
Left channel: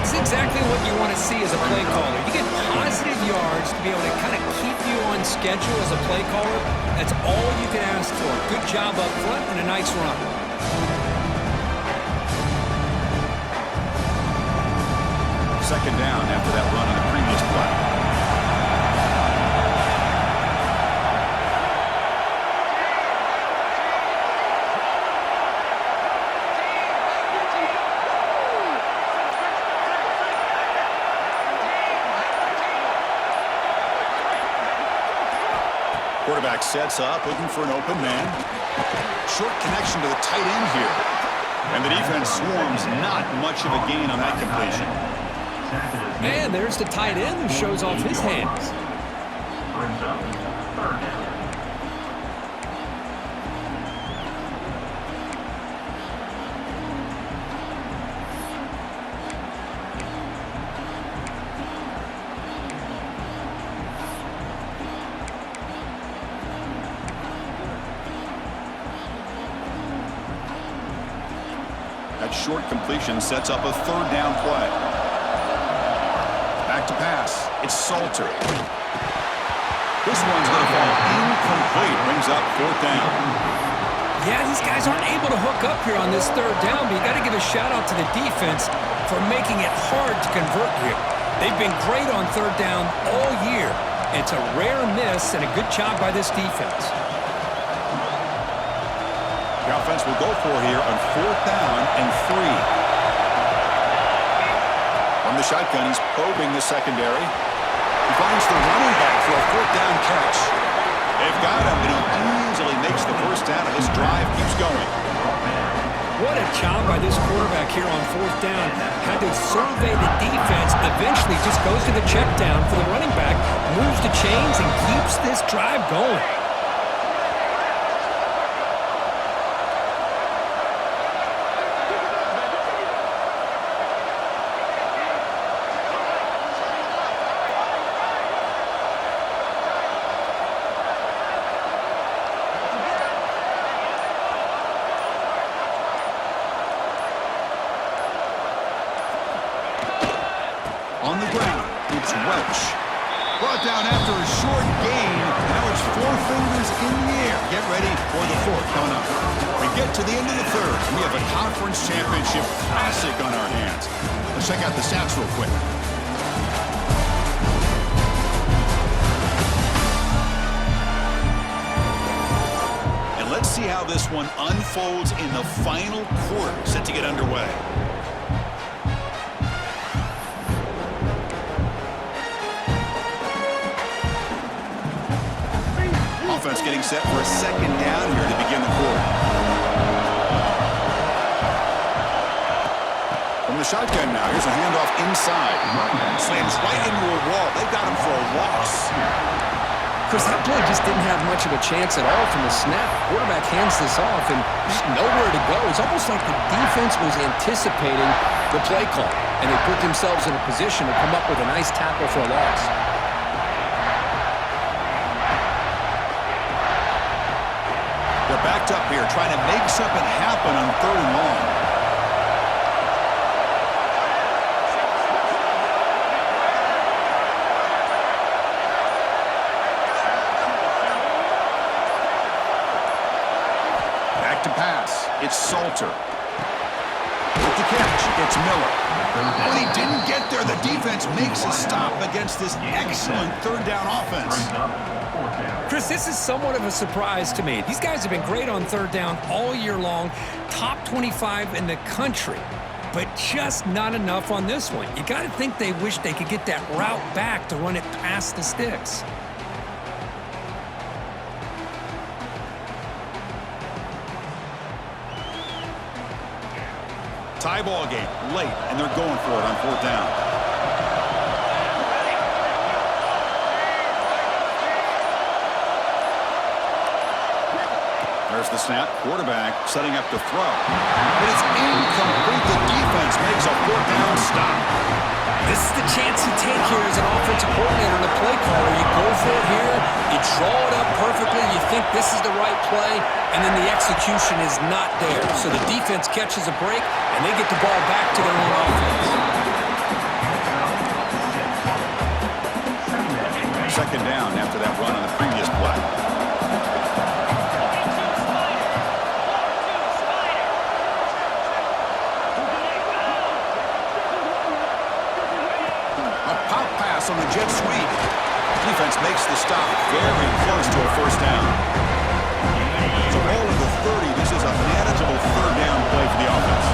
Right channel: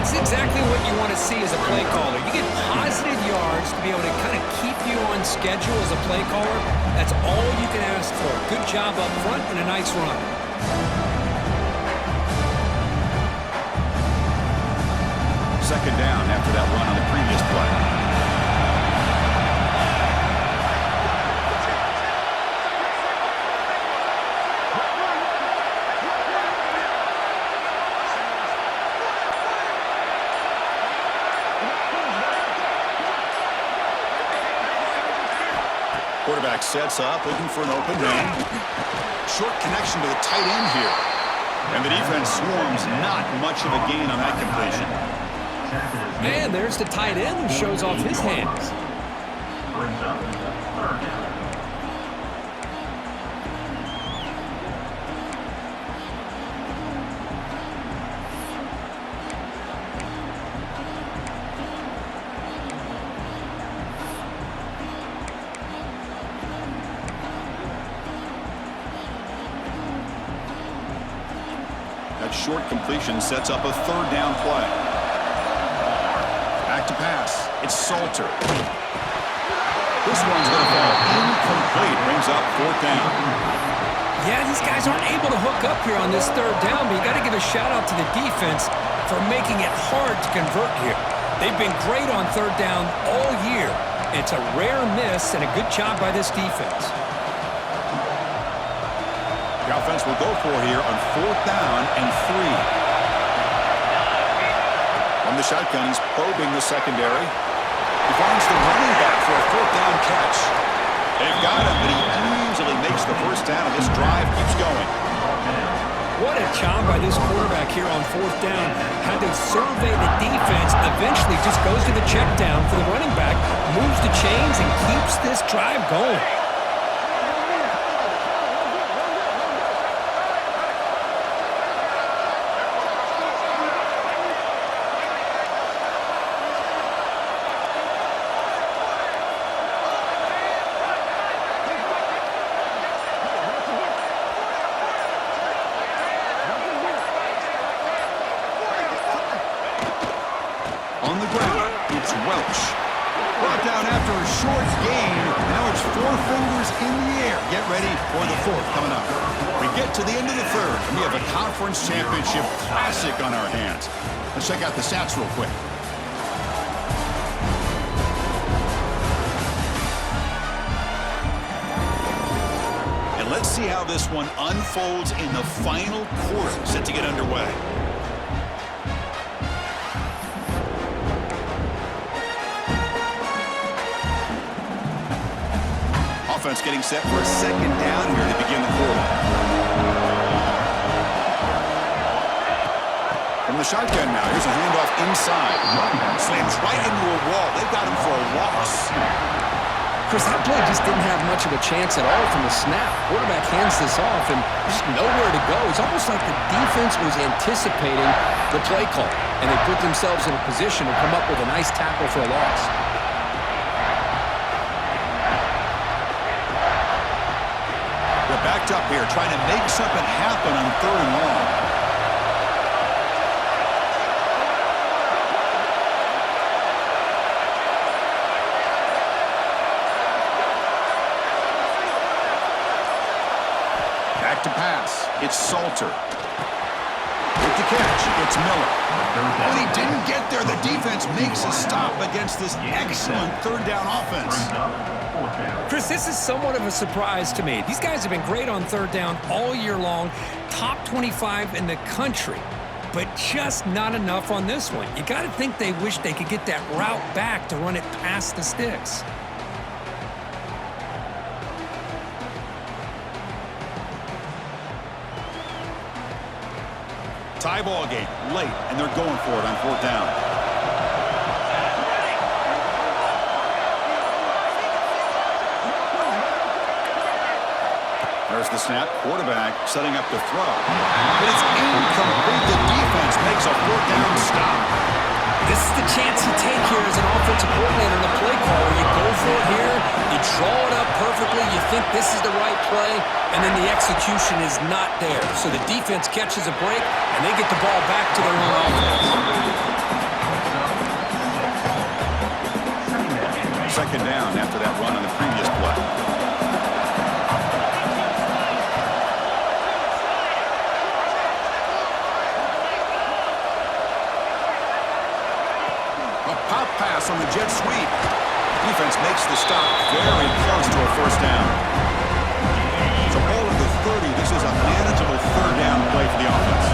It's exactly what you want to see as a play caller. You get positive yards to be able to kind of keep you on schedule as a play caller. That's all you can ask for. Good job up front and a nice run. Second down after that run on the previous play. Quarterback sets up, looking for an open man. Short connection to the tight end here. And the defense swarms, not much of a gain on that completion. Man, there's the tight end who shows off his hands. Brings up third down. That short completion sets up a third down play. Back to pass. It's Salter. This one's going to fall incomplete. Brings up fourth down. Yeah, these guys aren't able to hook up here on this third down, but you got to give a shout out to the defense for making it hard to convert here. They've been great on third down all year. It's a rare miss and a good job by this defense. The offense will go for here on fourth down and 3. From the shotgun, he's probing the secondary. He finds the running back for a fourth down catch. They've got him, but he easily makes the first down, and this drive keeps going. What a job by this quarterback here on fourth down. Had to survey the defense, eventually just goes to the check down for the running back, moves the chains, and keeps this drive going. On the ground, it's Welch. Brought down after a short gain. Now it's 4 fingers in the air. Get ready for the fourth coming up. We get to the end of the third, and we have a conference championship classic on our hands. Let's check out the stats real quick. And let's see how this one unfolds in the final quarter, set to get underway. Offense getting set for a second down here to begin the quarter. From the shotgun now, here's a handoff inside. Slams right into a wall. They've got him for a loss. Chris, that play just didn't have much of a chance at all from the snap. Quarterback hands this off, and just nowhere to go. It's almost like the defense was anticipating the play call, and they put themselves in a position to come up with a nice tackle for a loss. They're backed up here, trying to make something happen on 3rd and long. Back to pass. It's Salter. With the catch, it's Miller. When he didn't get there, the defense makes a stop against this excellent 3rd down offense. Chris, this is somewhat of a surprise to me. These guys have been great on 3rd down all year long, top 25 in the country, but just not enough on this one. You got to think they wish they could get that route back to run it past the sticks. Tie ball game late, and they're going for it on 4th down. There's the snap. Quarterback setting up to throw. But it's incomplete. The defense makes a 4th down stop. This is the chance you take here as an offensive coordinator and a play caller. You go for it here, you draw it up perfectly, you think this is the right play, and then the execution is not there. So the defense catches a break, and they get the ball back to their own offense. 2nd down after that run on the previous play. Pop pass on the jet sweep. Defense makes the stop very close to a 1st down. So ball at the 30. This is a manageable 3rd down play for the offense.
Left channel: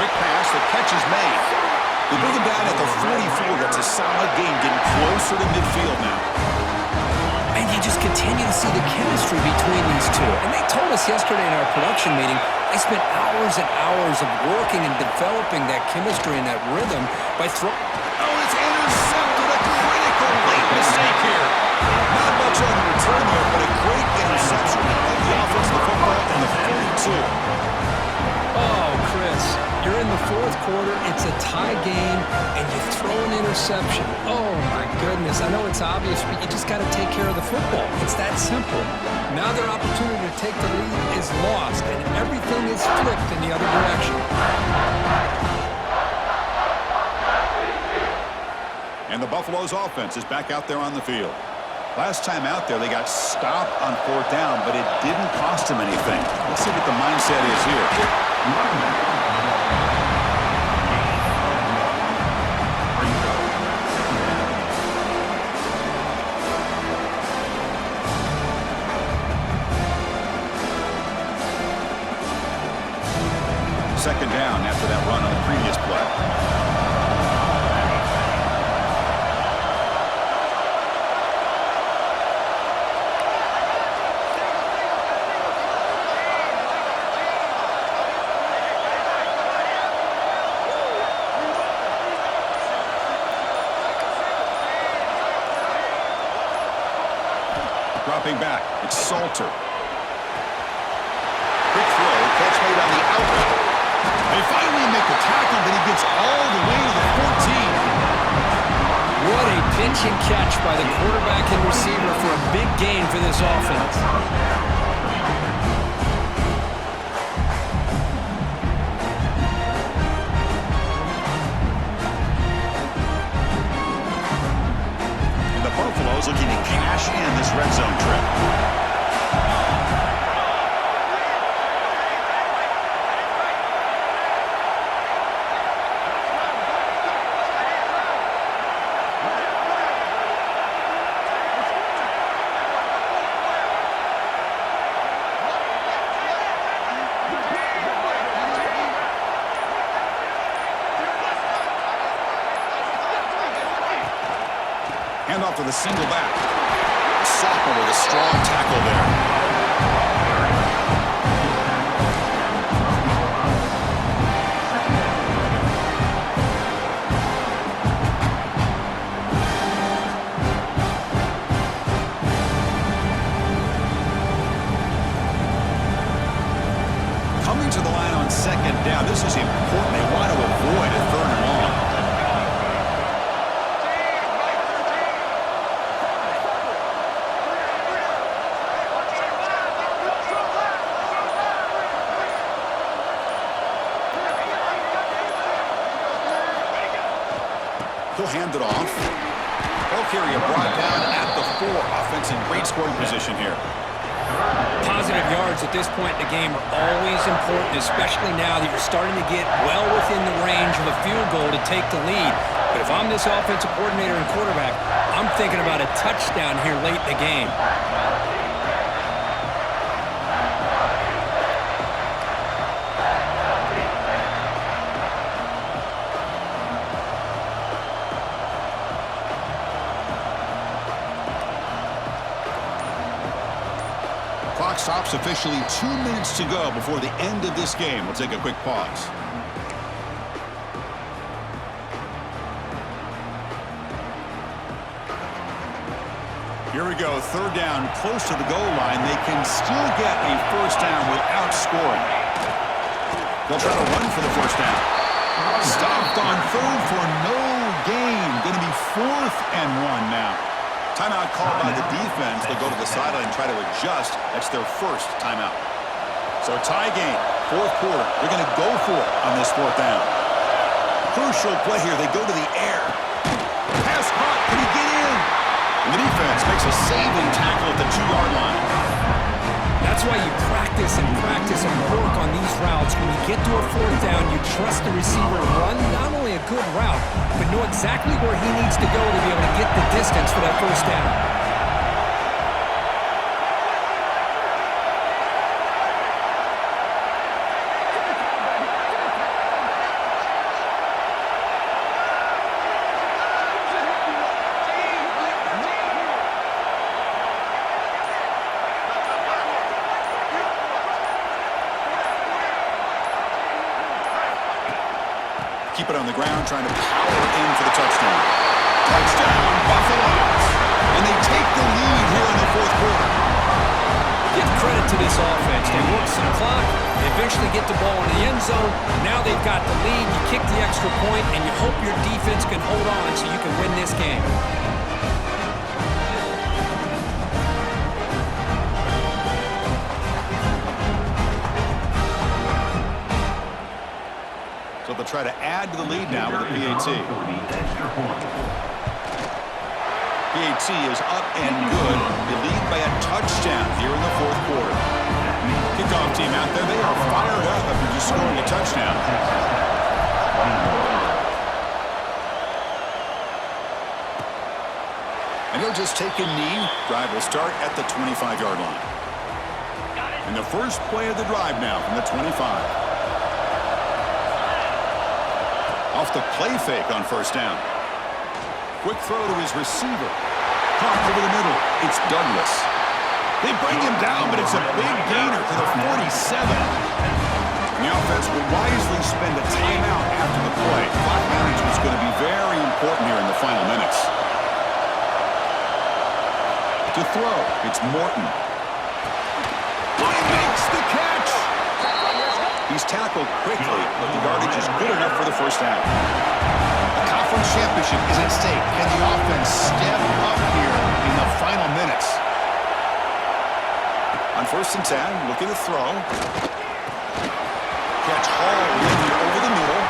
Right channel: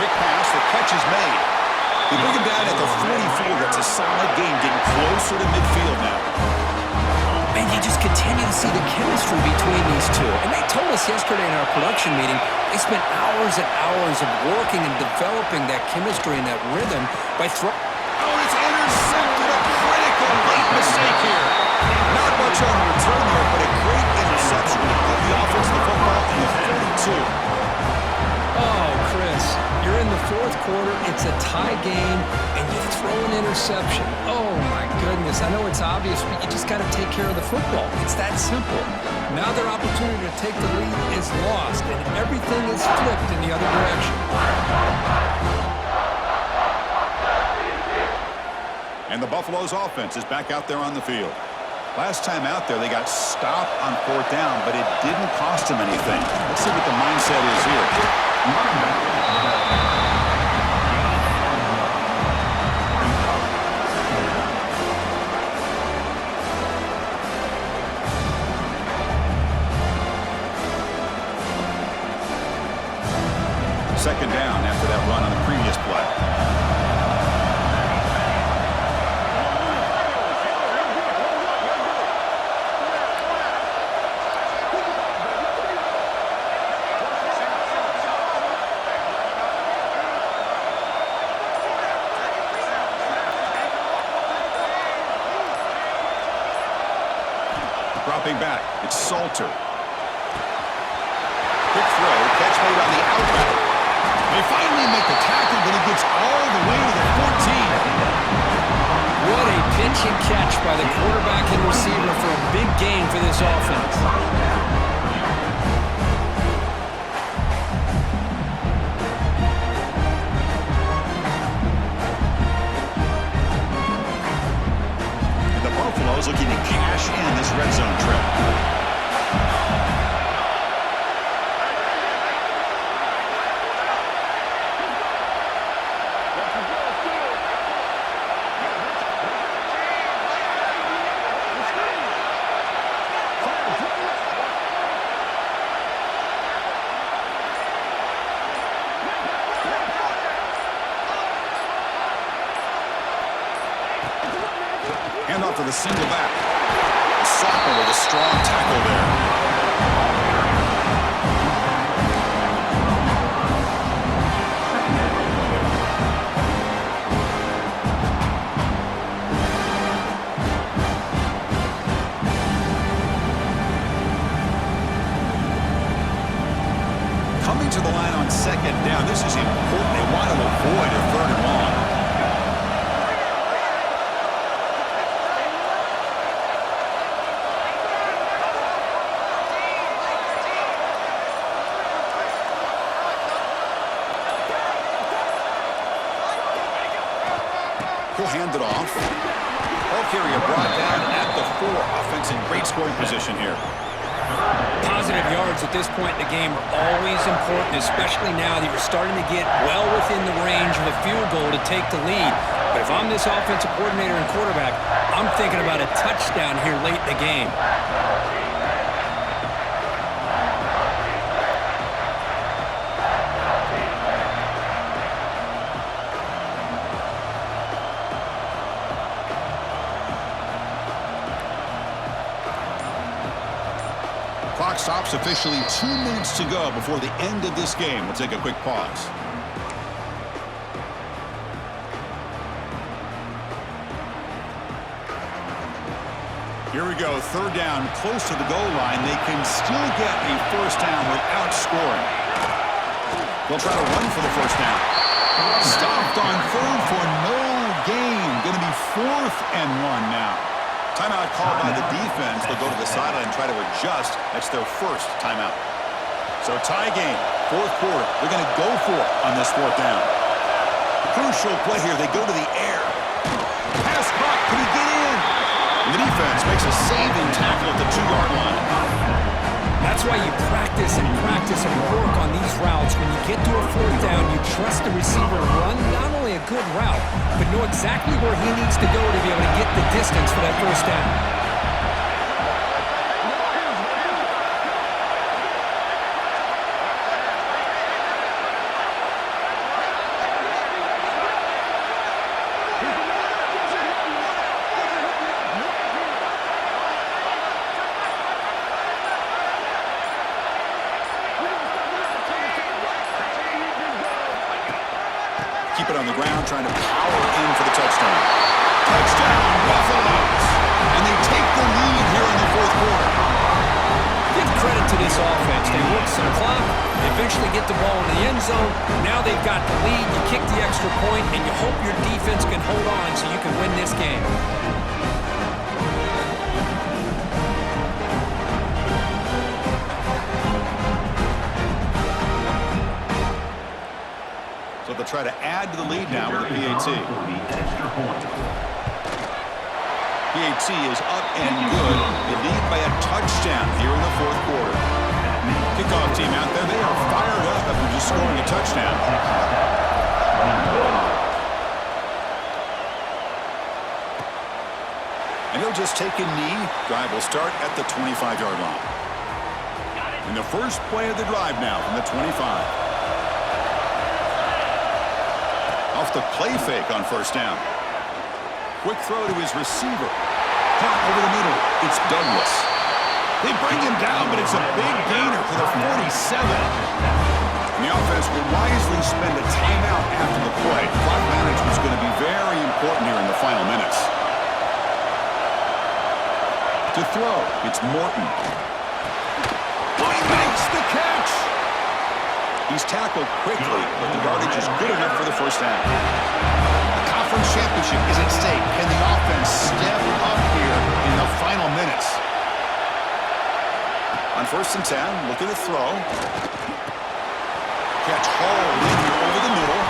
Quick pass. The catch is made. They bring him down at the 44. That's a solid gain, getting closer to midfield now. And you just continue to see the chemistry between these two. And they told us yesterday in our production meeting, they spent hours and hours of working and developing that chemistry and that rhythm by throwing. Oh, it's intercepted. A critical late mistake here. Not much on the return there, but a great interception to give the offense the football in the 42. Oh, Chris, you're in the 4th quarter. It's a tie game, and you throw an interception. Oh, my goodness. I know it's obvious, but you just got to take care of the football. It's that simple. Now their opportunity to take the lead is lost, and everything is flipped in the other direction. And the Buffalo's offense is back out there on the field. Last time out there, they got stopped on 4th down, but it didn't cost them anything. Let's see what the mindset is here. Second down after that run on the previous play. Dropping back, it's Salter. Quick throw, catch made on the out route. They finally make the tackle, but he gets all the way to the 14. What a pitch and catch by the quarterback and receiver for a big gain for this offense. And the Buffaloes looking to cash in this red zone trip. Hand off to the single back. The sophomore with a strong tackle there. Coming to the line on second down. This is important. They want to avoid a third and long. He'll hand it off. Ball carrier brought down at the 4. Offense in great scoring position here. Positive yards at this point in the game are always important, especially now that you're starting to get well within the range of a field goal to take the lead. But if I'm this offensive coordinator and quarterback, I'm thinking about a touchdown here late in the game. Clock stops officially 2 minutes to go before the end of this game. We'll take a quick pause. Here we go, third down, close to the goal line. They can still get a first down without scoring. They'll try to run for the first down. Stopped on third for no gain. Going to be 4th and 1 now. Timeout called by the defense. They'll go to the sideline and try to adjust. That's their first timeout. So tie game, 4th quarter. They're going to go for it on this 4th down. Crucial play here. They go to the air. Pass caught. Can he get in? And the defense makes a saving tackle at the 2-yard line. That's why you practice and work on these routes. When you get to a 4th down, you trust the receiver to run not only a good route, but know exactly where he needs to go to be able to get the distance for that first down. Keep it on the ground, trying to power in for the touchdown. Touchdown, Buffaloes! And they take the lead here in the 4th quarter. Give credit to this offense. They work some clock, they eventually get the ball in the end zone. Now they've got the lead, you kick the extra point, and you hope your defense can hold on so you can win this game. So they'll try to add to the lead now with a PAT. PAT is up and good. They lead by a touchdown here in the 4th quarter. Kickoff team out there, they are fired up after just scoring a touchdown. And he'll just take a knee. Drive will start at the 25-yard line. And the first play of the drive now from the 25. Off the play fake on first down. Quick throw to his receiver. Caught over the middle. It's Douglas. They bring him down, but it's a big gainer to the 47. And the offense will wisely spend a timeout after the play. Clock management is going to be very important here in the final minutes. To throw, it's Morton. He makes the catch. He's tackled quickly, but the yardage is good enough for the first down. The conference championship is at stake. Can the offense step up here in the final minutes? On 1st and 10, looking to throw. Catch hauled in here over the middle.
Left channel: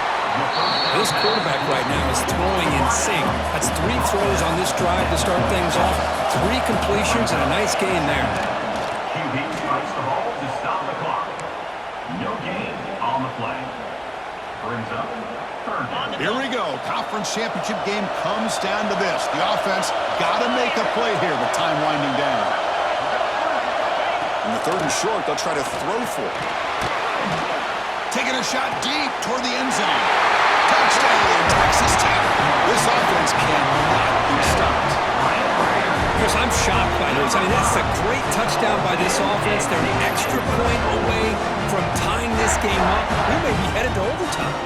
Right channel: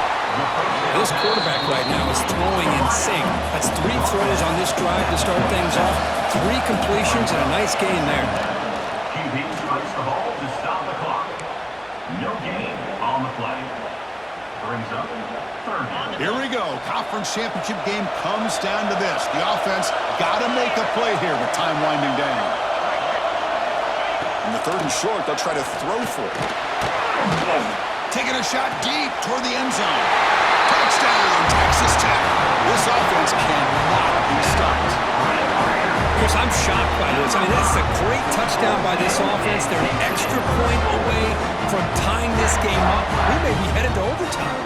This quarterback right now is throwing in sync. That's 3 throws on this drive to start things off. 3 completions and a nice gain there. QB strikes the ball to stop the clock. No gain on the play. Brings up 3rd down. Here we go. Conference championship game comes down to this. The offense got to make a play here with time winding down. In the 3rd and short, they'll try to throw for it. Taking a shot deep toward the end zone. Touchdown, Texas Tech. This offense cannot be stopped. Chris, I'm shocked by this. I mean, that's a great touchdown by this offense. They're an extra point away from tying this game up. We may be headed to overtime.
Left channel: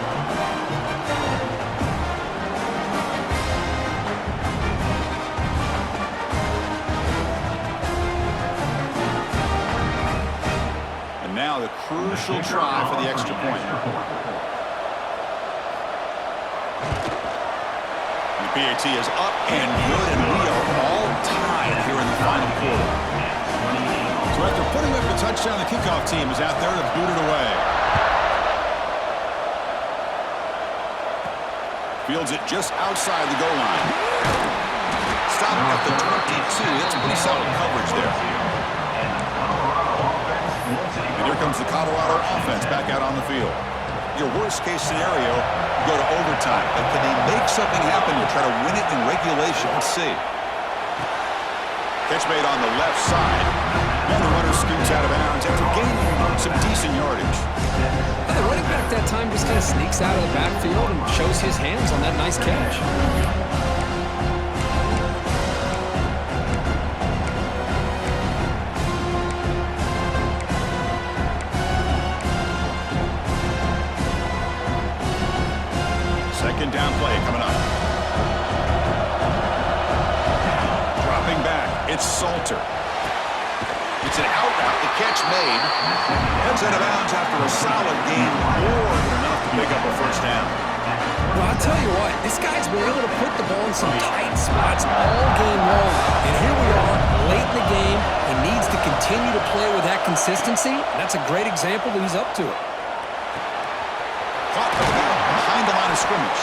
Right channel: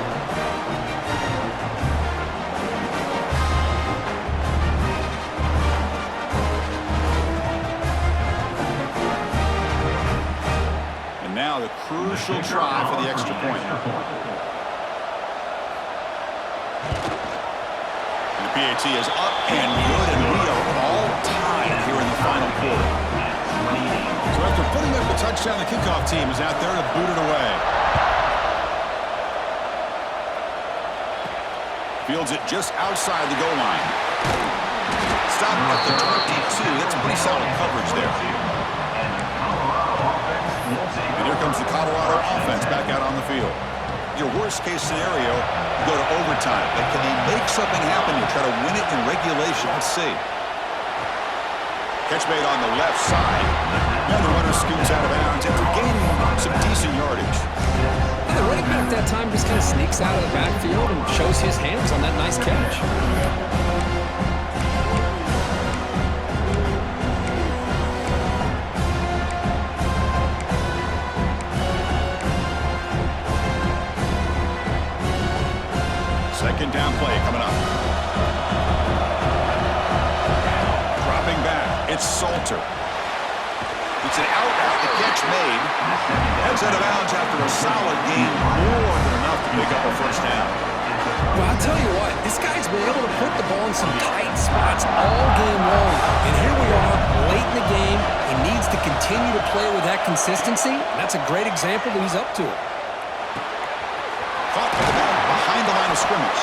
And now the crucial try for the extra point. And the PAT is up and good, and we are all tied here in the final quarter. So after putting up the touchdown, the kickoff team is out there to boot it away. Fields it just outside the goal line. Stop at the 22. That's pretty solid coverage there. And here comes the Colorado offense back out on the field. Your worst-case scenario, you go to overtime. But can they make something happen to try to win it in regulation? Let's see. Catch made on the left side. And the runner scoots out of bounds after gaining some decent yardage. And the running back that time just kind of sneaks out of the backfield and shows his hands on that nice catch. Second down play coming up. Dropping back, it's Salter. It's an out route, the catch made. Heads out of bounds after a solid gain, more than enough to pick up a first down. Well, I'll tell you what, this guy's been able to put the ball in some tight spots all game long. And here we are, late in the game. He needs to continue to play with that consistency. And that's a great example that he's up to it. Caught by the back behind the line of scrimmage.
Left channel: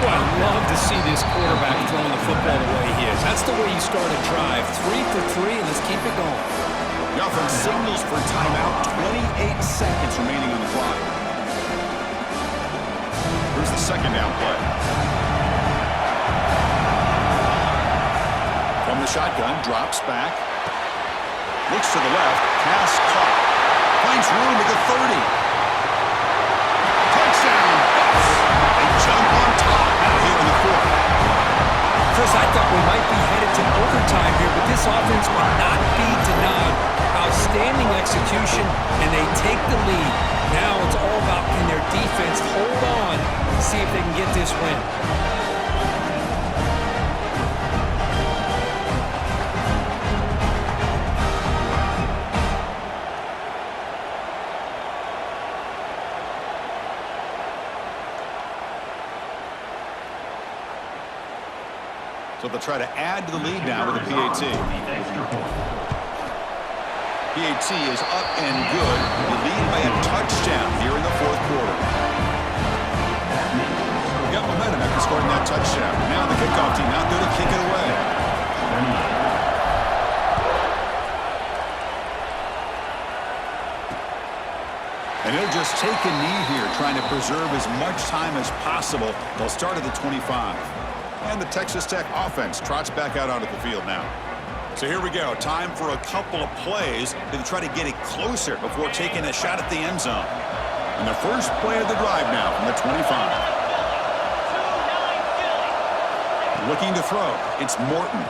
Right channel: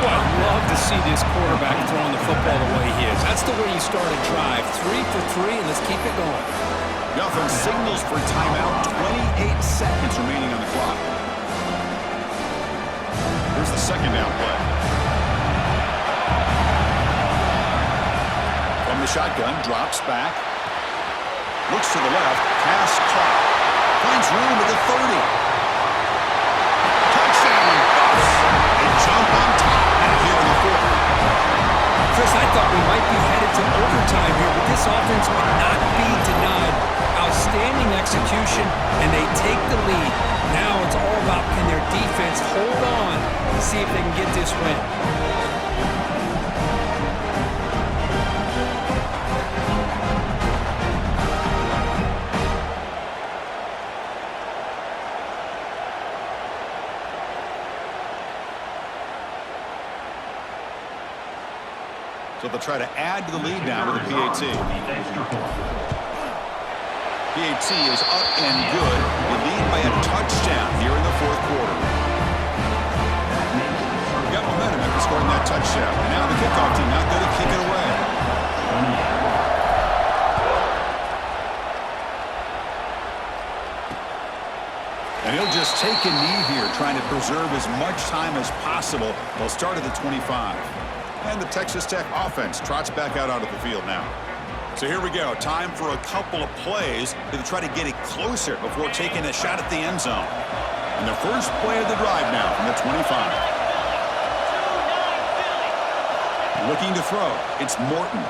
Well, I love to see this quarterback throwing the football the way he is. That's the way you start a drive. 3 for 3, and let's keep it going. The offense signals for timeout. 28 seconds remaining on the clock. Here's the second down play. From the shotgun, drops back. Looks to the left. Pass caught. Finds room at the 30. Touchdown, Buffs. They jump on top now here in the 4th. Chris, I thought we might be headed to overtime here, but this offense would not be denied. Outstanding execution, and they take the lead. Now it's all about can their defense hold on to see if they can get this win. So they'll try to add to the lead now with a PAT. PAT is up and good. You lead by a touchdown here in the 4th quarter. Got momentum after scoring that touchdown. Now the kickoff team out there to kick it away. And he'll just take a knee here, trying to preserve as much time as possible. They'll start at the 25. And the Texas Tech offense trots back out onto the field now. So here we go. Time for a couple of plays to try to get it closer before taking a shot at the end zone. And the first play of the drive now from the 25. Looking to throw. It's Morton.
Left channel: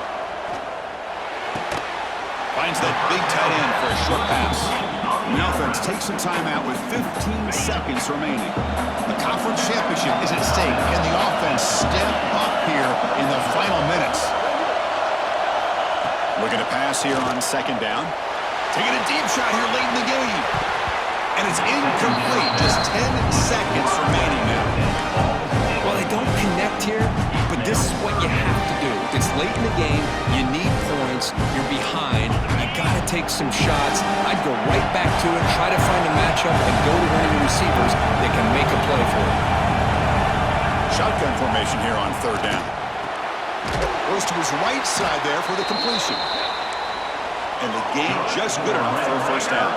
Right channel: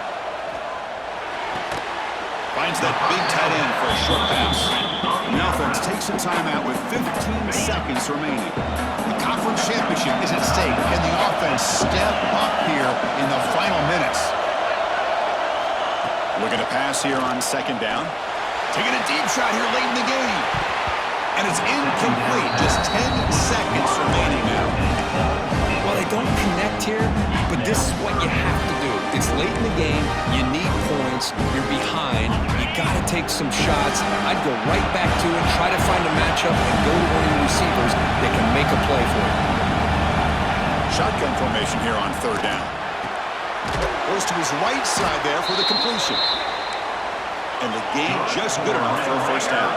Finds that big tight end for a short pass. And the offense takes some time out with 15 seconds remaining. The conference championship is at stake. Can the offense step up here in the final minutes? Looking to pass here on second down. Taking a deep shot here late in the game. And it's incomplete. Just 10 seconds remaining now. Well, they don't connect here, but this is what you have to do. It's late in the game. You need points. You're behind. You got to take some shots. I'd go right back to it, try to find a matchup, and go to one of your receivers that can make a play for you. Shotgun formation here on third down. Goes to his right side there for the completion. And the gain just good enough for a first down.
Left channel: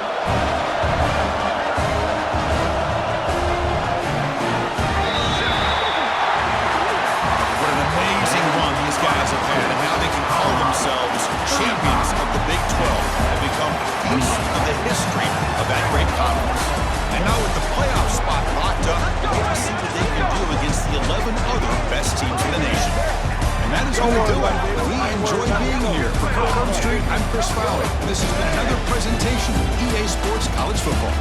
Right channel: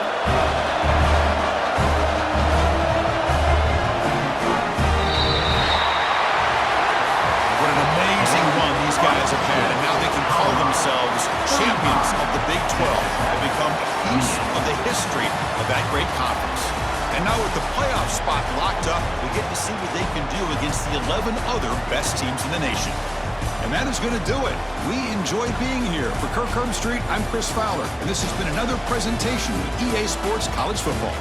What an amazing run these guys have had, and now they can call themselves champions of the Big 12 and become a piece of the history of that great conference. And now with the playoff spot locked up, we get to see what they can do against the 11 other best teams in the nation. And that is going to do it. We enjoy being here. For Kirk Herbstreit, I'm Chris Fowler, and this has been another presentation of EA Sports College Football.